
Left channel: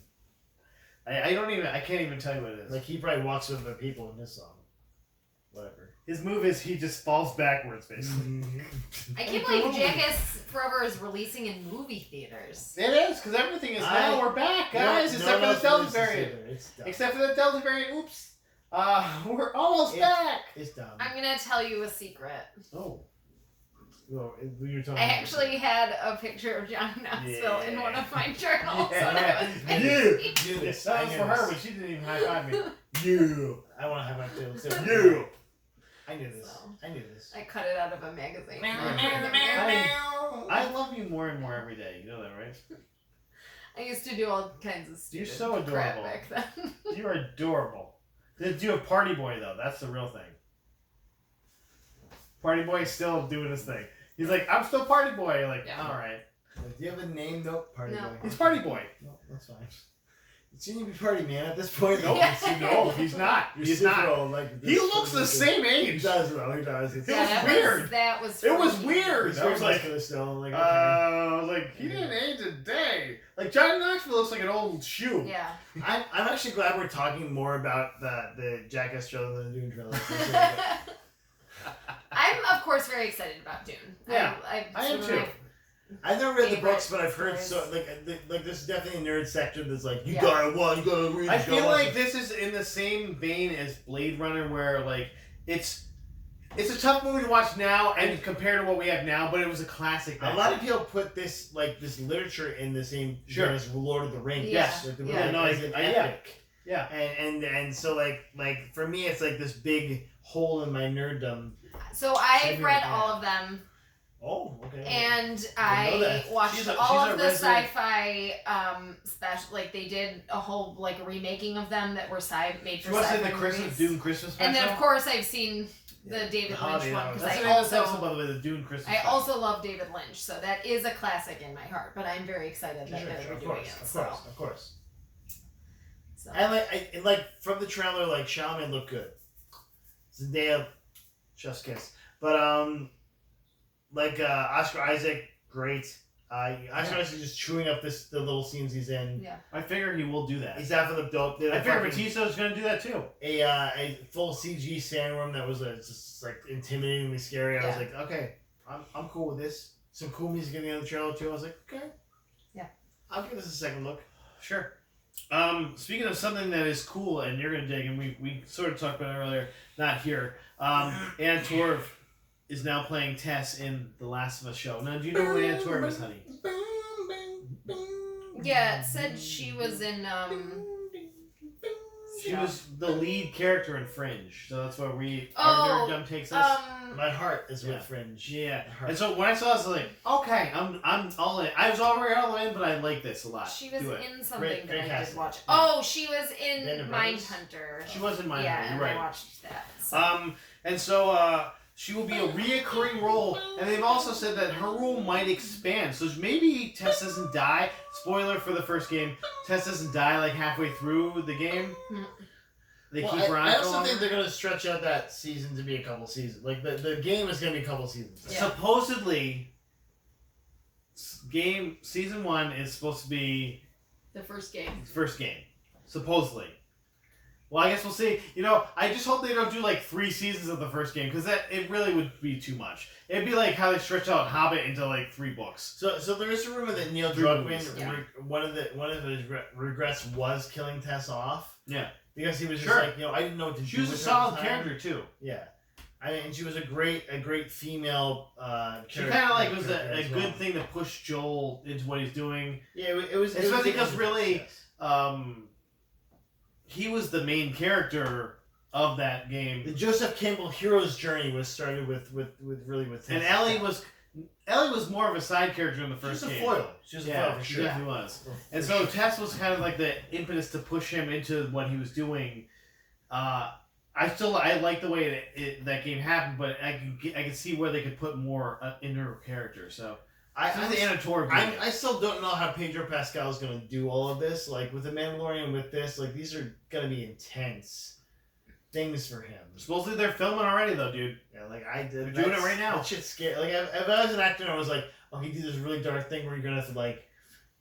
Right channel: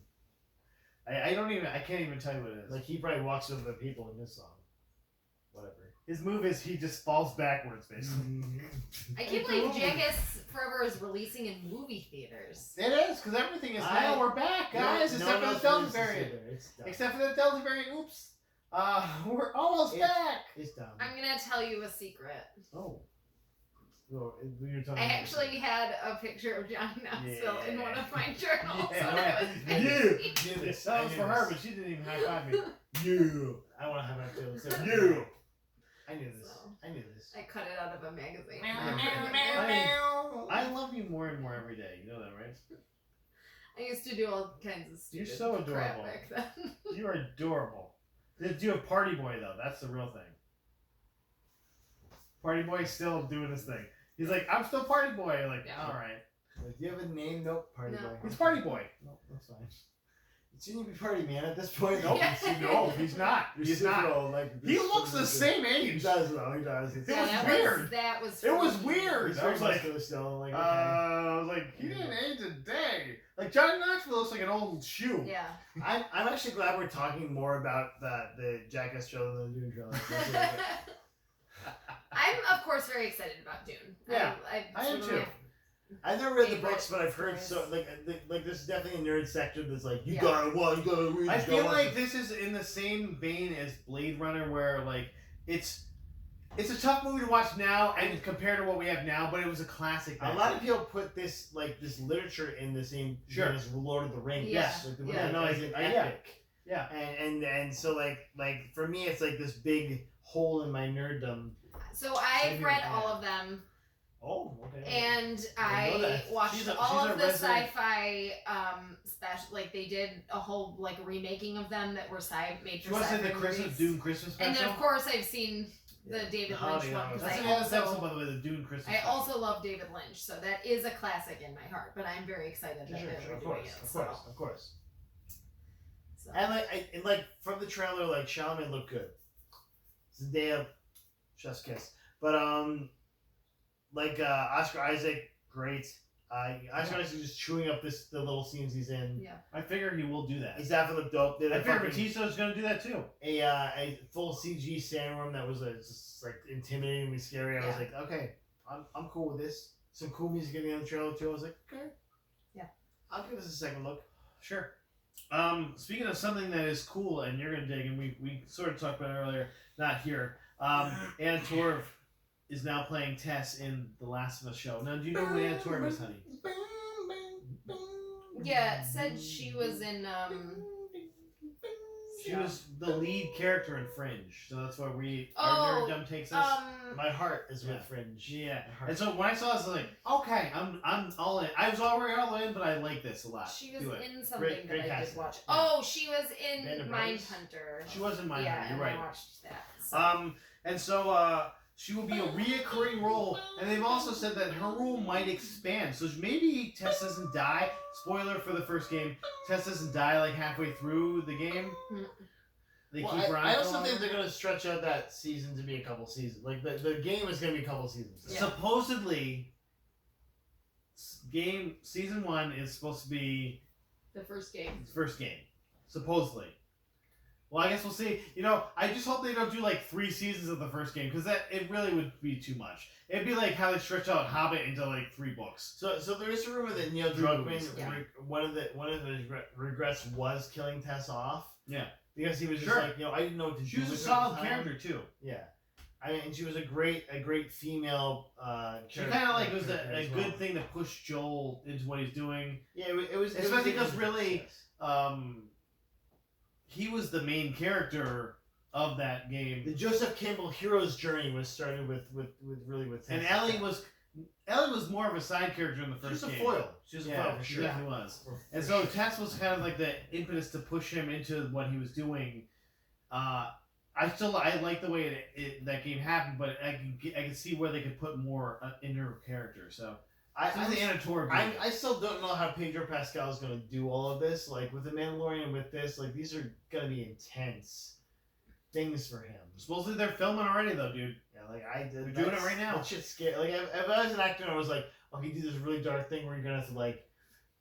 I can't even tell you what it is. Like, he probably walks with other people in this song. Whatever. His move is he just falls backwards, basically. I can't believe Jackass Forever is releasing in movie theaters. It is, because everything is now. We're back, guys. Except for the Delta variant. Except for the Delta variant. Oops. We're almost back. It's dumb. I'm gonna tell you a secret. Oh. Well, you're talking I actually had a picture of Johnny Knoxville in one of my journals when I was Yeah. busy. Do this. That was for her, but she didn't even high five me. You. I want to have my feelings. So You. I knew this. So. I knew this. I cut it out of a magazine. I love you more and more every day. You know that, right? I used to do all kinds of You're stupid so crap adorable. back then. You are adorable. Did you have Party Boy though? That's the real thing. Party Boy's still doing his thing. He's like, I'm still Party Boy. You're like, Yeah. all right. Do you have a name? Nope. Party No. boy. He's Party Boy. No, that's fine. Shouldn't you be party man at this point? Nope. Yeah. No, he's not. You're He's super not. old, like He this- looks the this- same He age. does though. He does. It's It was that weird. That was. It was freaky. weird. He's I very was like, muscular still. Like, okay. I was like, he didn't age a day. Like Johnny Knoxville looks like an old shoe. Yeah. I'm actually glad we're talking more about the Jackass trailer than the Dune trailer. I'm of course very excited about Dune. Yeah, I I am sort of too. I've never read the Favorite books, but I've heard stories. so like there's definitely a nerd section that's like you Yeah. gotta read. I you feel gotta watch like it. this is in the same vein as Blade Runner, where like it's a tough movie to watch now and compared to what we have now, but it was a classic. A lot of people put this literature in the same Sure. vein as Lord of the Rings. Yeah. Like, the Yeah. like, No, as an yeah. epic. Yeah. And so like for me it's like this big hole in my nerddom. So I've Same read here. all of them, Oh, okay. and I know I that. watched She's a all of the resident- sci-fi special. Like they did a whole like remaking of them that were made She for was sci-fi in the Christmas movies. Dune Christmas special. And then of course I've seen the Yeah. David The holiday Lynch one hours. because That's I the name of the also episode, by the way, the Dune Christmas. I special. also love David Lynch, so that is a classic in my heart. But I'm very excited that they're of doing course, it. of course. So. And like from the trailer, like Shaman looked good. Zendaya, chef's kiss. But like Oscar Isaac, great. Oscar Isaac just chewing up the little scenes he's in. Yeah. I figure he will do that. He's half looked dope. Did I a figure fucking- Batista's gonna do that too. a full CG sandworm that was just like intimidatingly scary. I was Yeah. like, okay, I'm cool with this. Some cool music in the other trailer too. I was like, okay, Yeah. I'll give this a second look. Sure. Speaking of something that is cool and you're gonna dig, and we sort of talked about it earlier, not here. Ann Torv is now playing Tess in the Last of Us show. Now, do you know who Ann Torv is, honey? Yeah, it said she was in She was the lead character in Fringe, so that's where our Oh, nerddom takes us. My heart is with Yeah. Fringe. Yeah, My heart. and so when I saw this, I was like, okay, I'm all in. I was already all in, but I like this a lot. She was Do it. in something Great that I casting. did watch. Yeah. Oh, she was in Band of Brothers? Mindhunter. She was in Mindhunter, Yeah, you're and I right. watched that. So. And so she will be a reoccurring role, and they've also said that her role might expand. So maybe Tess doesn't die. Spoiler for the first game: Tess doesn't die like halfway through the game. They Well, keep her on. I for also longer. think they're gonna stretch out that season to be a couple seasons. Like the game is gonna be a couple seasons. Yeah. Supposedly, game season 1 is supposed to be The first game. the first game. Supposedly. Well, I guess we'll see. You know, I just hope they don't do like 3 seasons of the first game because it really would be too much. It'd be like how they stretched out Hobbit into like 3 books. So there is a rumor that Neil Three Druckmann, movies. Yeah. one of his regrets was killing Tess off. Yeah. Because he was just Sure. like, I didn't know what to She do. was a with her at solid the time. character too. Yeah. And she was a great female She kind of like was character a as good well. thing to push Joel into what he's doing. Yeah, it was. Especially it was because really, he was the main character of that the game, Joseph Campbell hero's journey was started with Tess. and Ellie was more of a side character in the She first was a game. foil. She was a Yeah, foil for she sure. definitely was. For And so sure. Tess was kind of like the impetus to push him into what he was doing. I like the way that game happened, but I can see where they could put more in her character. So I'm the Anna Torv. I still don't know how Pedro Pascal is going to do all of this. Like with the Mandalorian, with this, like these are going to be intense things for him. Supposedly they're filming already, though, dude. Yeah, like I did. They're doing it right now. That shit's scary. Like if I was an actor, and I was like, oh, he did this really dark thing where you're gonna have to like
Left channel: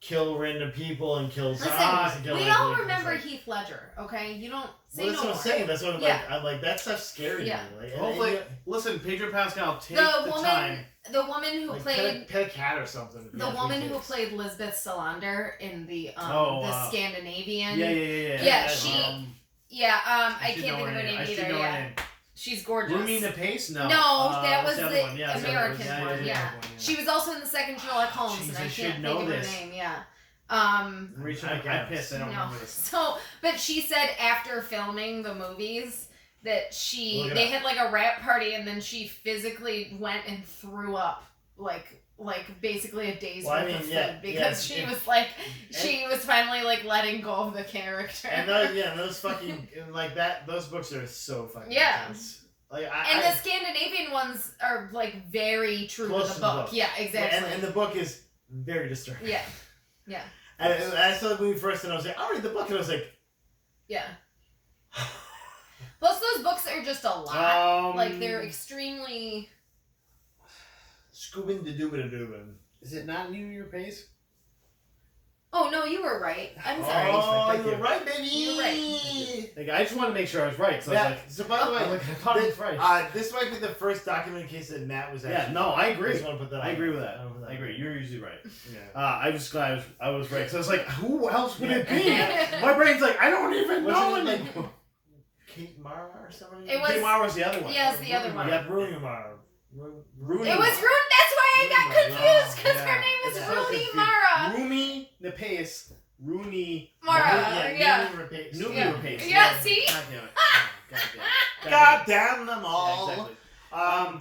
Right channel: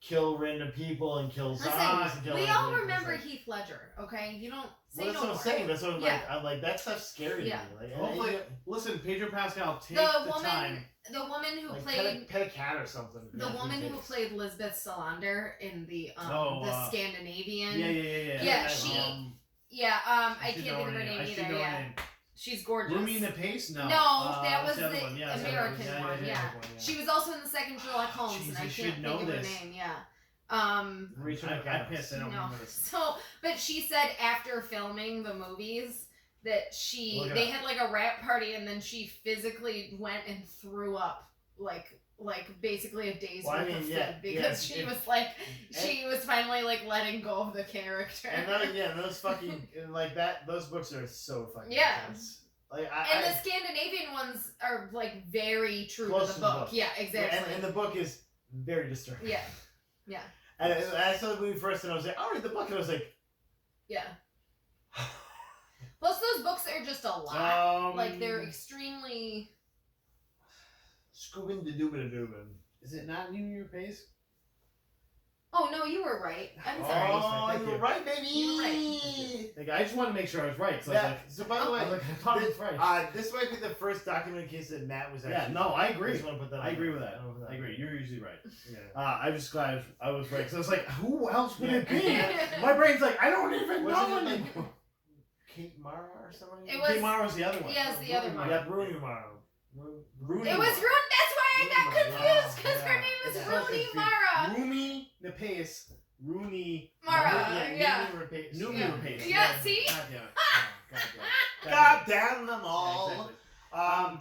kill random people and kill Listen, zombies and kill we everything. all It's remember like, Heath Ledger, okay? You don't say well, that's no what more. I'm saying. That's what I'm Yeah. like. I'm like that stuff's scary Yeah. to me. Like, and- Hopefully, and, listen, Pedro Pascal, take The the woman, time. the woman who like, played pet a cat or something. the Yeah, woman three who kids. played Lisbeth Salander in the Oh, the Scandinavian. Yeah. Yeah, she- Yeah, I should can't know think of her I name should either. know her Yeah, name. she's gorgeous. Rumi the Pace? No. No, that what's was other the one? Yeah, American yeah, one. Yeah. one, yeah. She was also in the second Sherlock Holmes, jeez, and I I should can't know think of her this. name. Yeah. I pissed. I don't No. remember this. So, but she said after filming the movies that Look it they up. had like a rap party, and then she physically went and threw up like basically a day's Well, I worth mean, of food yeah, because yeah, she it- was like she was finally like letting go of the character. And those fucking like that. Those books are so fucking Yeah. intense. Like and the Scandinavian ones are like very true Close to to the the book. book. Yeah, exactly. and the book is very disturbing. Yeah. Yeah. And I saw the movie first, and I was like, I'll read the book, and I was like, Yeah. Plus, those books are just a lot. Like they're extremely. Scoobin' da doobin da doobin. Is it not New Year Pace? Oh no, you were right. I'm sorry. Oh, Thank you were you. right, baby. You were right. Like, I just want to make sure I was right. So I was Yeah, like, so by the way, I'm like, I thought it was right. this might be the first documented case that Matt was Yeah, actually. no, I I agree. just want to put that. I on. agree with that. I don't know. I agree. You're usually right. Yeah. I'm just glad I was right. So I was like, who else would it be? Yeah. My brain's like, I don't even What's know it anymore. like? Kate Mara or somebody? It was- Kate Mara was the other one. Yeah, it's the other one. Yeah, Rooney Mara. Rooney It was Mara. Rune. That's why I got Rooney Mara. confused because Yeah. her name is Yeah. Rooney confused. Mara. Rumi the Pace. Rooney Mara. Yeah. Numi Yeah. Pace. Yeah, see? God damn it. God damn it. God damn them Yeah, all. exactly.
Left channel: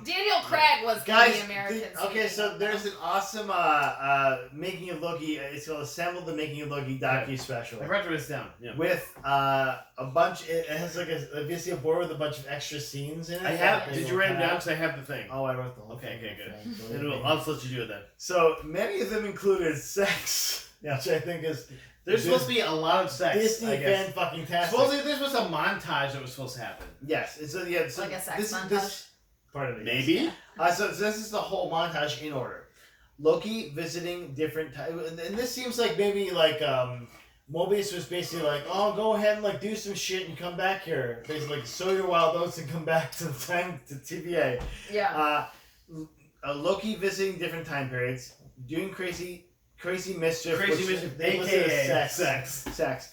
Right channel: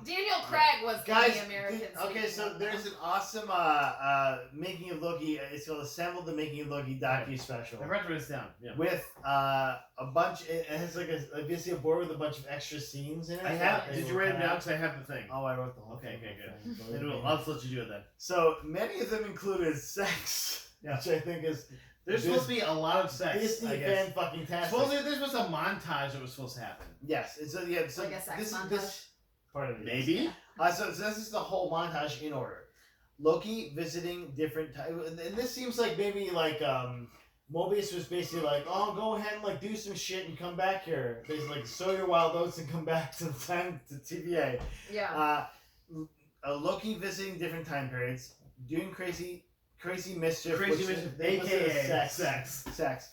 Daniel Craig was Guys, the American. okay, so speaking of there's them. an awesome making of Loki. It's called Assemble the Making of Loki docu special I wrote this down. Yeah. with a bunch. It has like basically a board with a bunch of extra scenes in it. I have. that Did they you will write them have. down? Because I have the thing. Oh, I wrote the whole Okay, thing. good. Believe Then me. I'll just let you do it then. So many of them included sex, which I think is There's supposed to be a lot of sex. Disney I guess. fan fucking tastic. Supposedly this was a montage that was supposed to happen. Yes, it's a, yeah. So Like a sex this, montage? This part of it. yes. Maybe. So this is the whole montage in order. Loki visiting different and this seems like maybe like Mobius was basically like, oh, go ahead and like do some shit and come back here. Basically, like, sow your wild oats and come back to the time to TVA. Yeah. Loki visiting different time periods, doing crazy mischief, Crazy which Mischief, they listed as aka sex.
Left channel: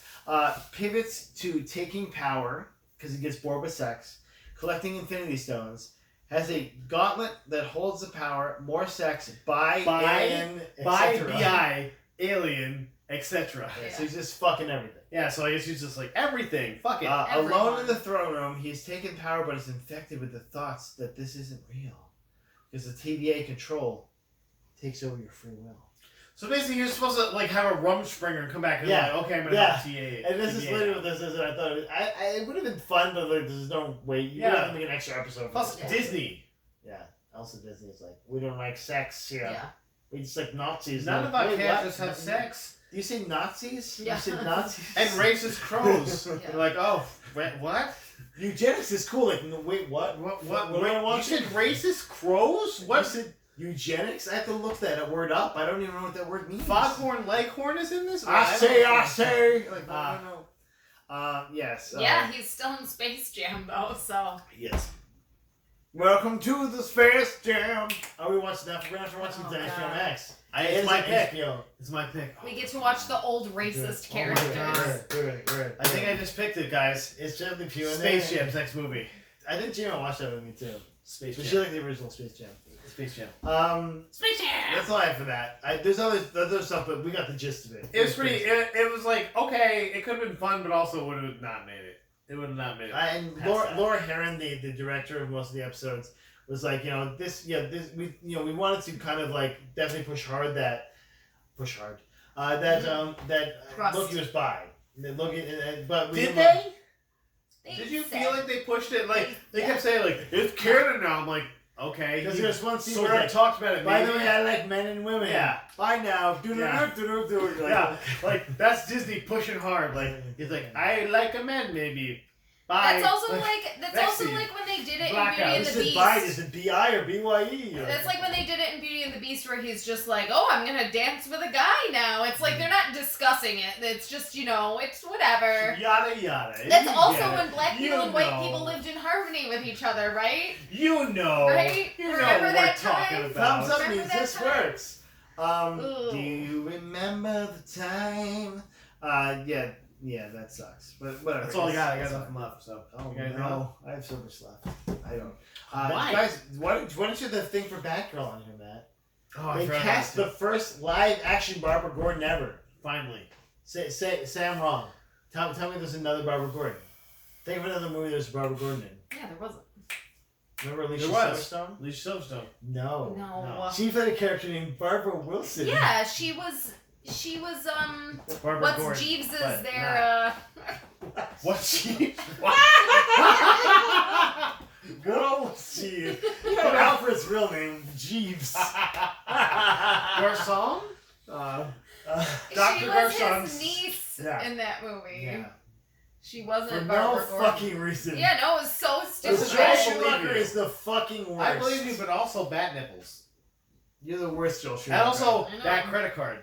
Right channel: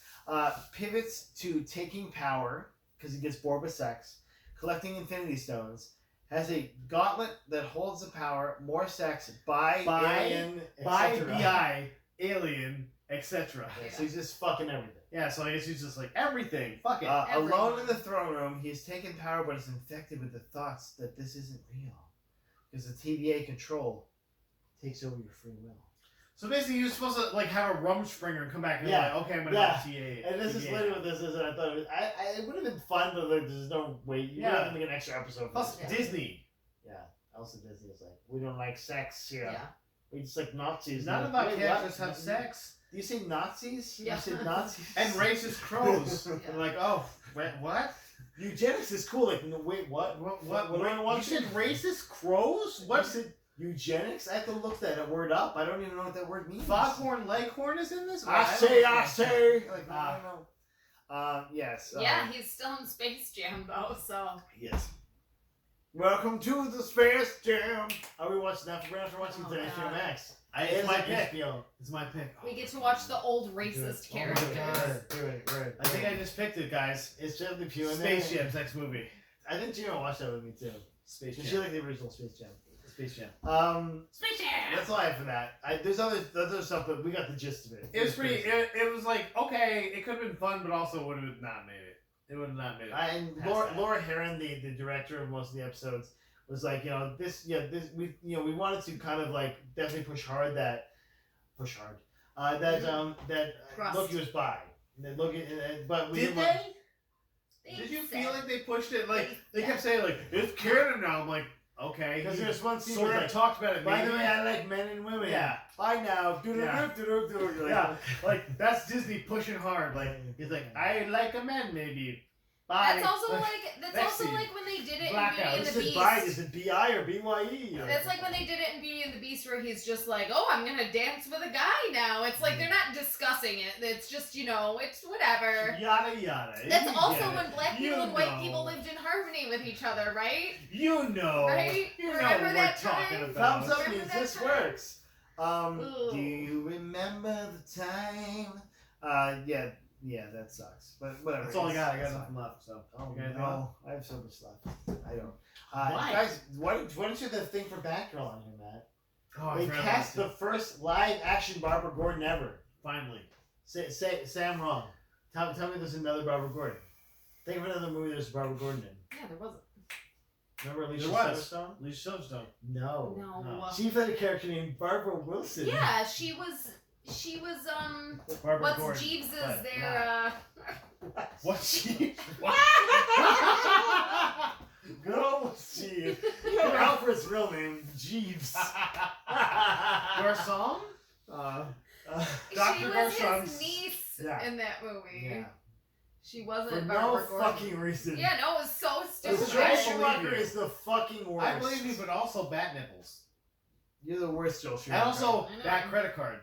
Pivots to taking power because he gets bored with sex, collecting Infinity Stones. Has a gauntlet that holds the power, more sex, by alien, By etc. BI, alien, etc. Yeah, so he's just fucking everything. Yeah, so I guess he's just like, everything, fuck it. Alone Everyone. in the throne room, he's taken power but is infected with the thoughts that this isn't real. Because the TVA control takes over your free will. So basically he was supposed to like have a Rumspringer and come back and Yeah. like, okay, I'm gonna Yeah. have TA. And this is literally what this is, and I thought it would have been fun, but like, there's no way. You would Yeah. have to make an extra episode for Plus this. Yeah. Disney. Yeah. Also, Disney is like, we don't like sex here. Yeah. We just like Nazis. None Like, of our wait, characters what? have sex. Do you say Nazis? Yeah. You say Nazis? And racist crows. Yeah. They're like, oh, wait, what? Eugenics is cool. Like, no, wait, what? What? do I You want said racist crows? What? What? You said eugenics? I have to look that word up. I don't even know what that word means. Foghorn Leghorn is in this? I say. Like, no. Yes. Yeah, he's still in Space Jam though, so. Yes. Welcome to the Space Jam. Are we watching that? We're gonna have to watch Oh, the HBO God. Max. It's my pick. HBO. It's my pick. We get to watch the old racist Oh my characters. God. Good. I think I just picked it, guys. It's Jeff the Pew in Space there. Jam's next movie. I think Gina watched that with me too. Space But she Jam. liked the original Space Jam. Space Jam. Space Jam! That's all I have for that. There's other stuff, but we got the gist of it. It was pretty. It was like, okay, it could have been fun, but also would have not made it. It would have not made it. And Past that. Laura Herron, the director of most of the episodes, was like, we wanted to kind of like definitely push hard that Trust. Loki was bi. That Loki, but we Did didn't- they? Did you said- feel like they pushed it? Like they Yeah. kept saying, like it's canon now. I'm like, okay. Because he there's one scene sort where of like, talked about it. by the maybe. way, I like men and women. Yeah. Bye now. Yeah. Yeah, like that's Disney pushing hard. Like he's like, I like a man, maybe. Bye. That's also Vaccine. like when they did it Blackout. in Beauty and Is the it Beast. bi? Is it B-I or B-Y-E? That's like when they did it in Beauty and the Beast where he's just like, oh, I'm gonna dance with a guy now. It's like they're not discussing it. It's just, it's whatever. Yada yada. That's You also get when it. black You people and white know. people lived in harmony with each other, right? You know. Right? You know Remember what that we're talking time? about. Thumbs up Remember means that this time? works. Ooh. Do you remember the time? Yeah, that sucks. But whatever. That's all I got. I It's got fine. nothing left. So. Oh You guys no, I have so much left. I don't. Why? Guys, why don't you have the thing for Batgirl on here, Matt? Oh, They cast the first live action Barbara Gordon ever. Finally. Say I'm wrong. Tell me there's another Barbara Gordon. Think of another movie there's Barbara Gordon in. Yeah, there wasn't. Remember Alicia There was. Silverstone? Alicia Silverstone. No. No. She played a character named Barbara Wilson. Yeah, she was Barbara what's Gordon. Jeeves's What? their What's she? What? Good old Steve. You know Alfred's real name, Jeeves. Garcon? she Dr. was Garchon's. his niece Yeah. in that movie. Yeah. She wasn't For no Barbara Gordon. fucking reason. Yeah, no, it was so This stupid. Joel I believe Schumacher you. is the fucking worst. I believe you, but also bat nipples. You're the worst, Joel And Schumacher. also I know. that credit card.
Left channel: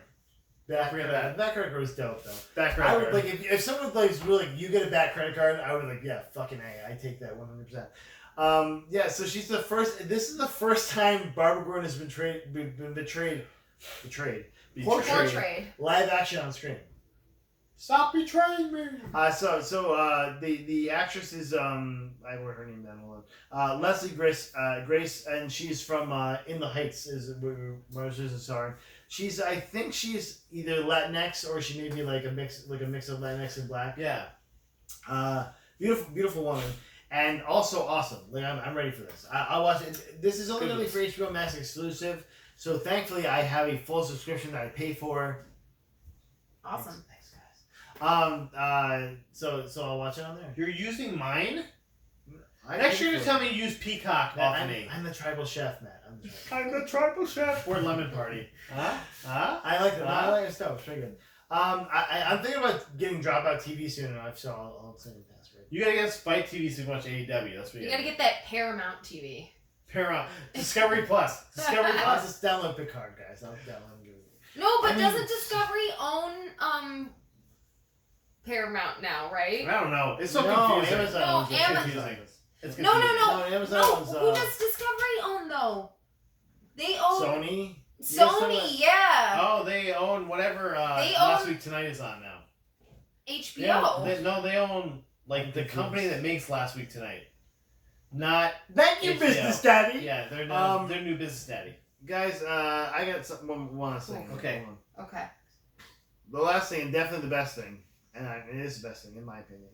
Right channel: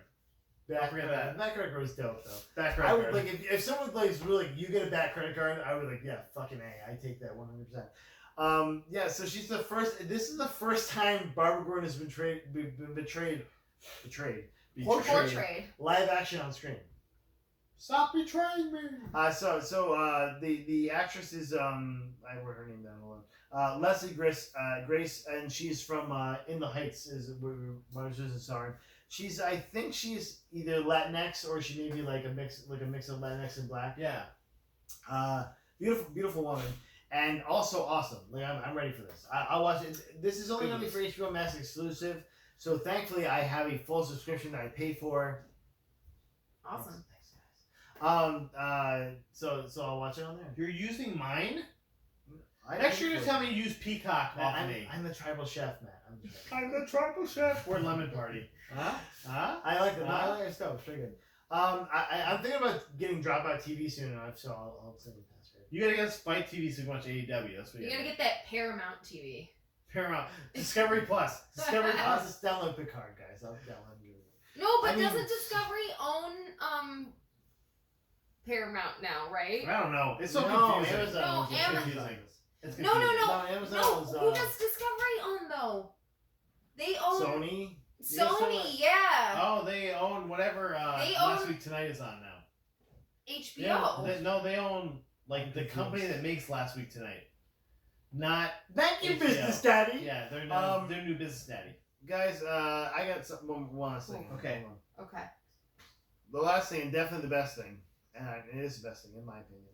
Back forget credit. That credit card was dope though. That I credit would card. like if someone like really like you get a back credit card, I would like yeah fucking A. I take that 100%. Yeah, so she's the first. This is the first time Barbara Gordon has been betrayed Portrayed. live action on screen. Stop betraying me. The actress is I wrote her name down. Hold on. Leslie Grace, and she's from In the Heights is where she's a star. She's I think she's either Latinx or she may be like a mix of Latinx and black. Yeah. Beautiful woman, and also awesome. Like I'm ready for this. I'll watch it. This is only going to be for HBO Max exclusive, so thankfully I have a full subscription that I pay for. Awesome. Thanks guys. So I'll watch it on there. You're using mine? I Next year pay you for tell it. me you use Peacock off of me. I'm the tribal chef, Matt. I'm the tribal chef. I'm the tribal chef. Or Lemon Party. Huh? I like that. No, I like your stuff. It's pretty good. I'm thinking about getting Dropout TV soon enough, so I'll send you the password. You gotta get Spike TV so you can watch AEW. That's what You gotta get that Paramount TV. Paramount. Discovery Plus. Discovery I'll Plus. just download Picard, guys. I'll download it. No, but I mean- doesn't Discovery own Paramount now, right? I don't know. It's so No, confusing. Amazon No, owns it. Amazon- confusing. It's No, confusing. no. No, Amazon No, owns, who does Discovery own though? They own Sony. Sony, yeah. Oh, they own whatever They Last own- Week Tonight is on now. HBO. They own like the company that makes Last Week Tonight. Not Thank you, HBO. business daddy. Yeah, they're their new business daddy. Guys, I got something one last thing. Okay. Hold on. Okay. The last thing, and definitely the best thing, and it is the best thing in my opinion.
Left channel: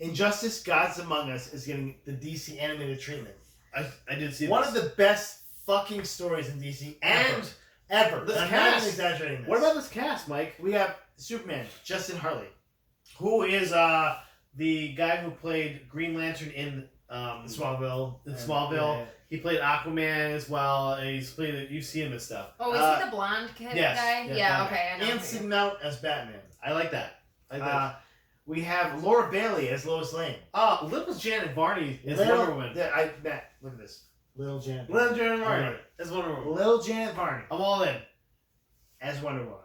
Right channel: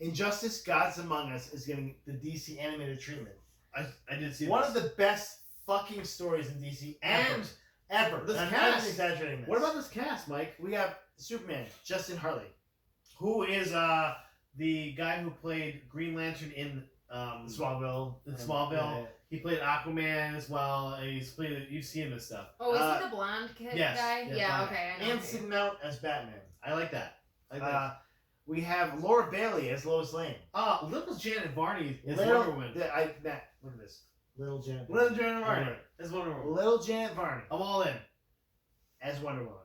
Injustice: Gods Among Us is getting the DC animated treatment. I did see One this. of the best fucking stories in DC ever. This I'm not cast. even exaggerating this. What about this cast, Mike? We have Superman, Justin Hartley. Who is the guy who played Green Lantern in Smallville. In Smallville. He played Aquaman as well, and he's played. You've seen him and stuff. Oh, is he the blonde kid yes, guy? yeah, Yeah, blonde. okay, I know. Anson Mount as Batman. I like that. We have Laura Bailey as Lois Lane. Little Janet Varney is Little- Wonder Woman. Matt, look at this. Little Janet. Little Janet Varney Alright. is Wonder Woman. Little Janet Varney I'm all in. as Wonder Woman.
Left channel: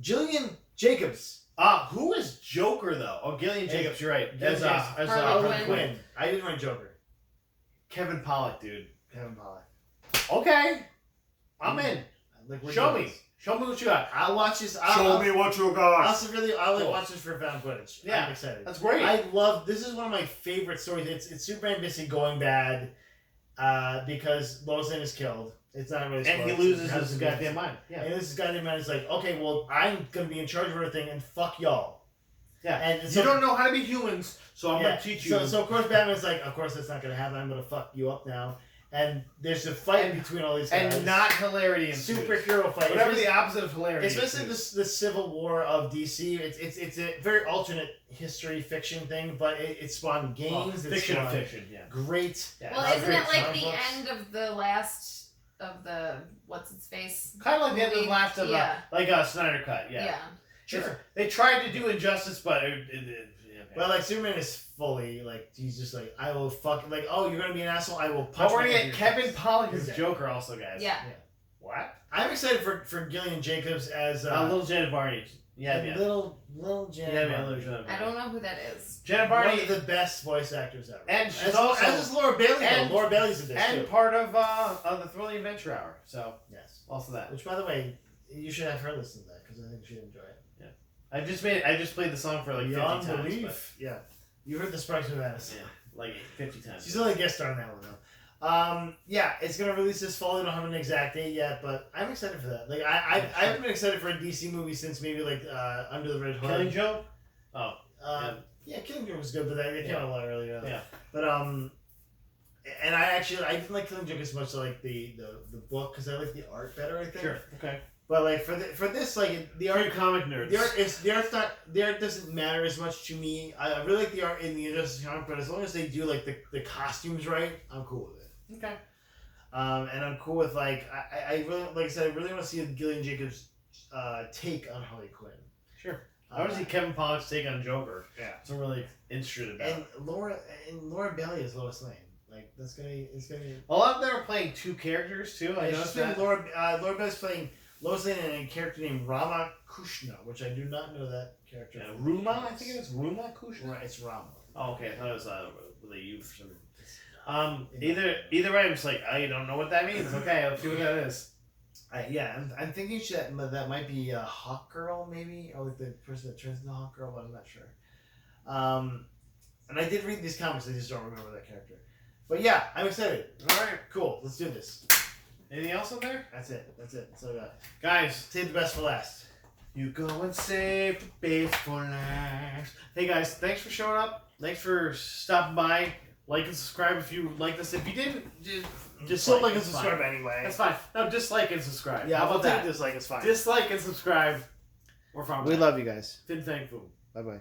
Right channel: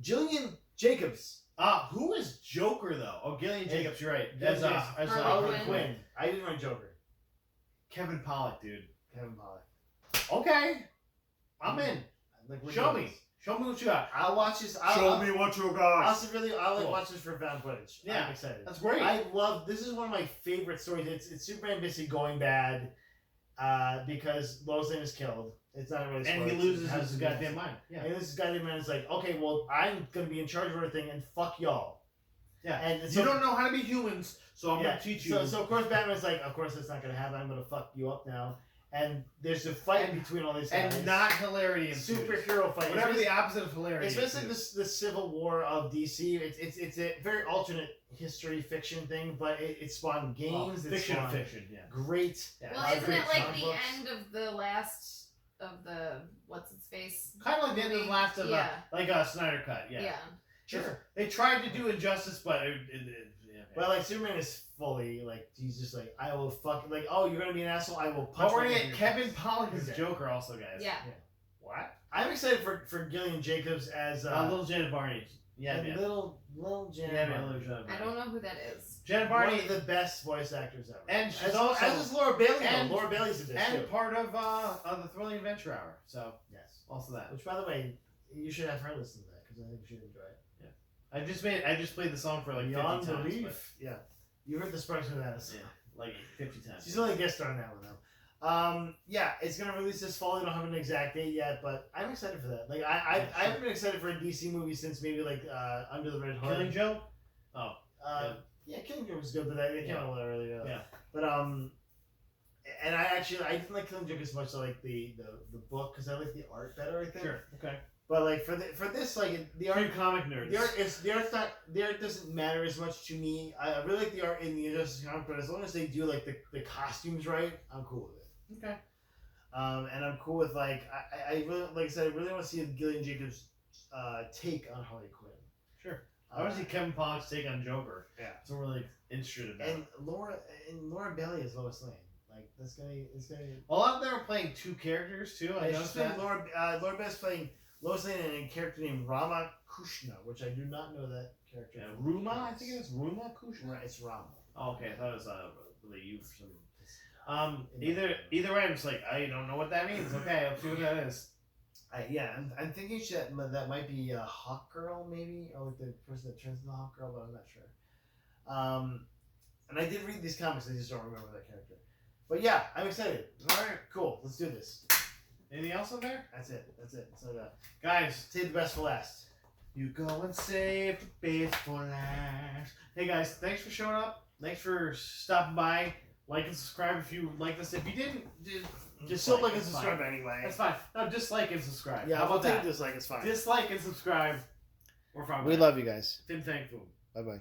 Jillian Jacobs. Who is Joker though? Oh, Gillian Jacobs. You're right. Gillian As Jacobs. Harley Harley Quinn. I didn't write Joker. Kevin Pollak, dude. Kevin Pollak. Okay, I'm in. Like, we're Show doing me. this. Show me what you got. I'll watch this. Show I'll me what you I'll Cool. watch this for found footage. Yeah. I'm excited. That's great. I love. This is one of my favorite stories. It's Superman basically going bad, because Lois Lane is killed. It's not really. and he spoiled. loses It has his to be- goddamn mind. Yeah. And this goddamn man is like, okay, well, I'm gonna be in charge of everything, and fuck y'all. Yeah. And You don't know how to be humans, so I'm gonna teach you. So of course Batman's like, of course that's not gonna happen. I'm gonna fuck you up now. And there's a fight between all these guys. and not hilarity ensues. superhero fight. Whatever It's the opposite of hilarity. basically ensues. the Civil War of DC. It's a very alternate history fiction thing, but it spawned games. It fiction of spawned fiction. Yeah. Great. Yeah. Well, isn't great it like comic the books. end of the last of the what's its face? Kind of like the end of the last of Yeah. like a Snyder cut. Yeah. Sure. They tried to do Injustice, but yeah. But like Superman is fully like he's just like I will fuck like oh you're gonna be an asshole I will But punch. we're you gonna in get your Kevin face. Pollak as Yeah. Joker also, guys. Yeah. What? I'm excited for Gillian Jacobs as Little Janet Varney. Yeah, and yeah. little Janet. Yeah, Varney. Little Janet I Varney. don't know who that is. Janet One Varney of the best voice actors ever. And she's as, also- as is Laura Bailey. and- Laura Bailey's in this and too. part of the Thrilling Adventure Hour. So Yes. also that. Which by the way, you should have her listen to that because I think she'd enjoy it. I just played the song for like 50 Beyond times. belief. Yeah, you heard the Sparks with Madness. Yeah, like 50 times. She's only a guest star on that one though. Yeah, it's gonna release this fall. I don't have an exact date yet, but I'm excited for that. Like I haven't been excited for a DC movie since maybe like Under the Red Hood. Killing Joke. Oh. Yeah, Killing Joke was good, but that came out a lot earlier. Yeah. But and I didn't like Killing Joke as much as I like the book because I like the art better. I think. Sure. Okay. But like for this, like the art, comic nerds. The art doesn't matter as much to me. I really like the art in the Injustice comic, but as long as they do like the costumes right, I'm cool with it. Okay. And I'm cool with like I really like I said I really want to see Gillian Jacobs' take on Harley Quinn. Sure. I want to see Kevin Pollak's take on Joker. Yeah. So I'm really interested about. And Laura Bailey is Lois Lane. Like it's gonna. A lot of them are playing two characters too. I noticed that. Laura Bailey's playing Lois Lane and a character named Rama Kushna, which I do not know that character. Yeah, Ruma, I think it's Ruma Kushna. Right, it's Rama. Oh, okay. I thought it was with a U for some reason. Either way, I'm just like I don't know what that means. Okay, let's see what that is. I'm thinking that might be a Hawk Girl, maybe, or like the person that turns into Hawk Girl, but I'm not sure. And I did read these comics, I just don't remember that character. But yeah, I'm excited. All right, cool. Let's do this. Anything else on there? That's it. That's all I got. Guys, Save the best for last. you go and save the best for last. Hey guys, thanks for showing up. Thanks for stopping by. Like and subscribe if you like this. If you didn't, just Still like like and it's subscribe fine. anyway. That's fine. No, dislike and subscribe. Yeah, How I'll about take that? a dislike. It's fine. Dislike and subscribe. We're fine. We love you guys. Fing Fan Fum. Bye bye.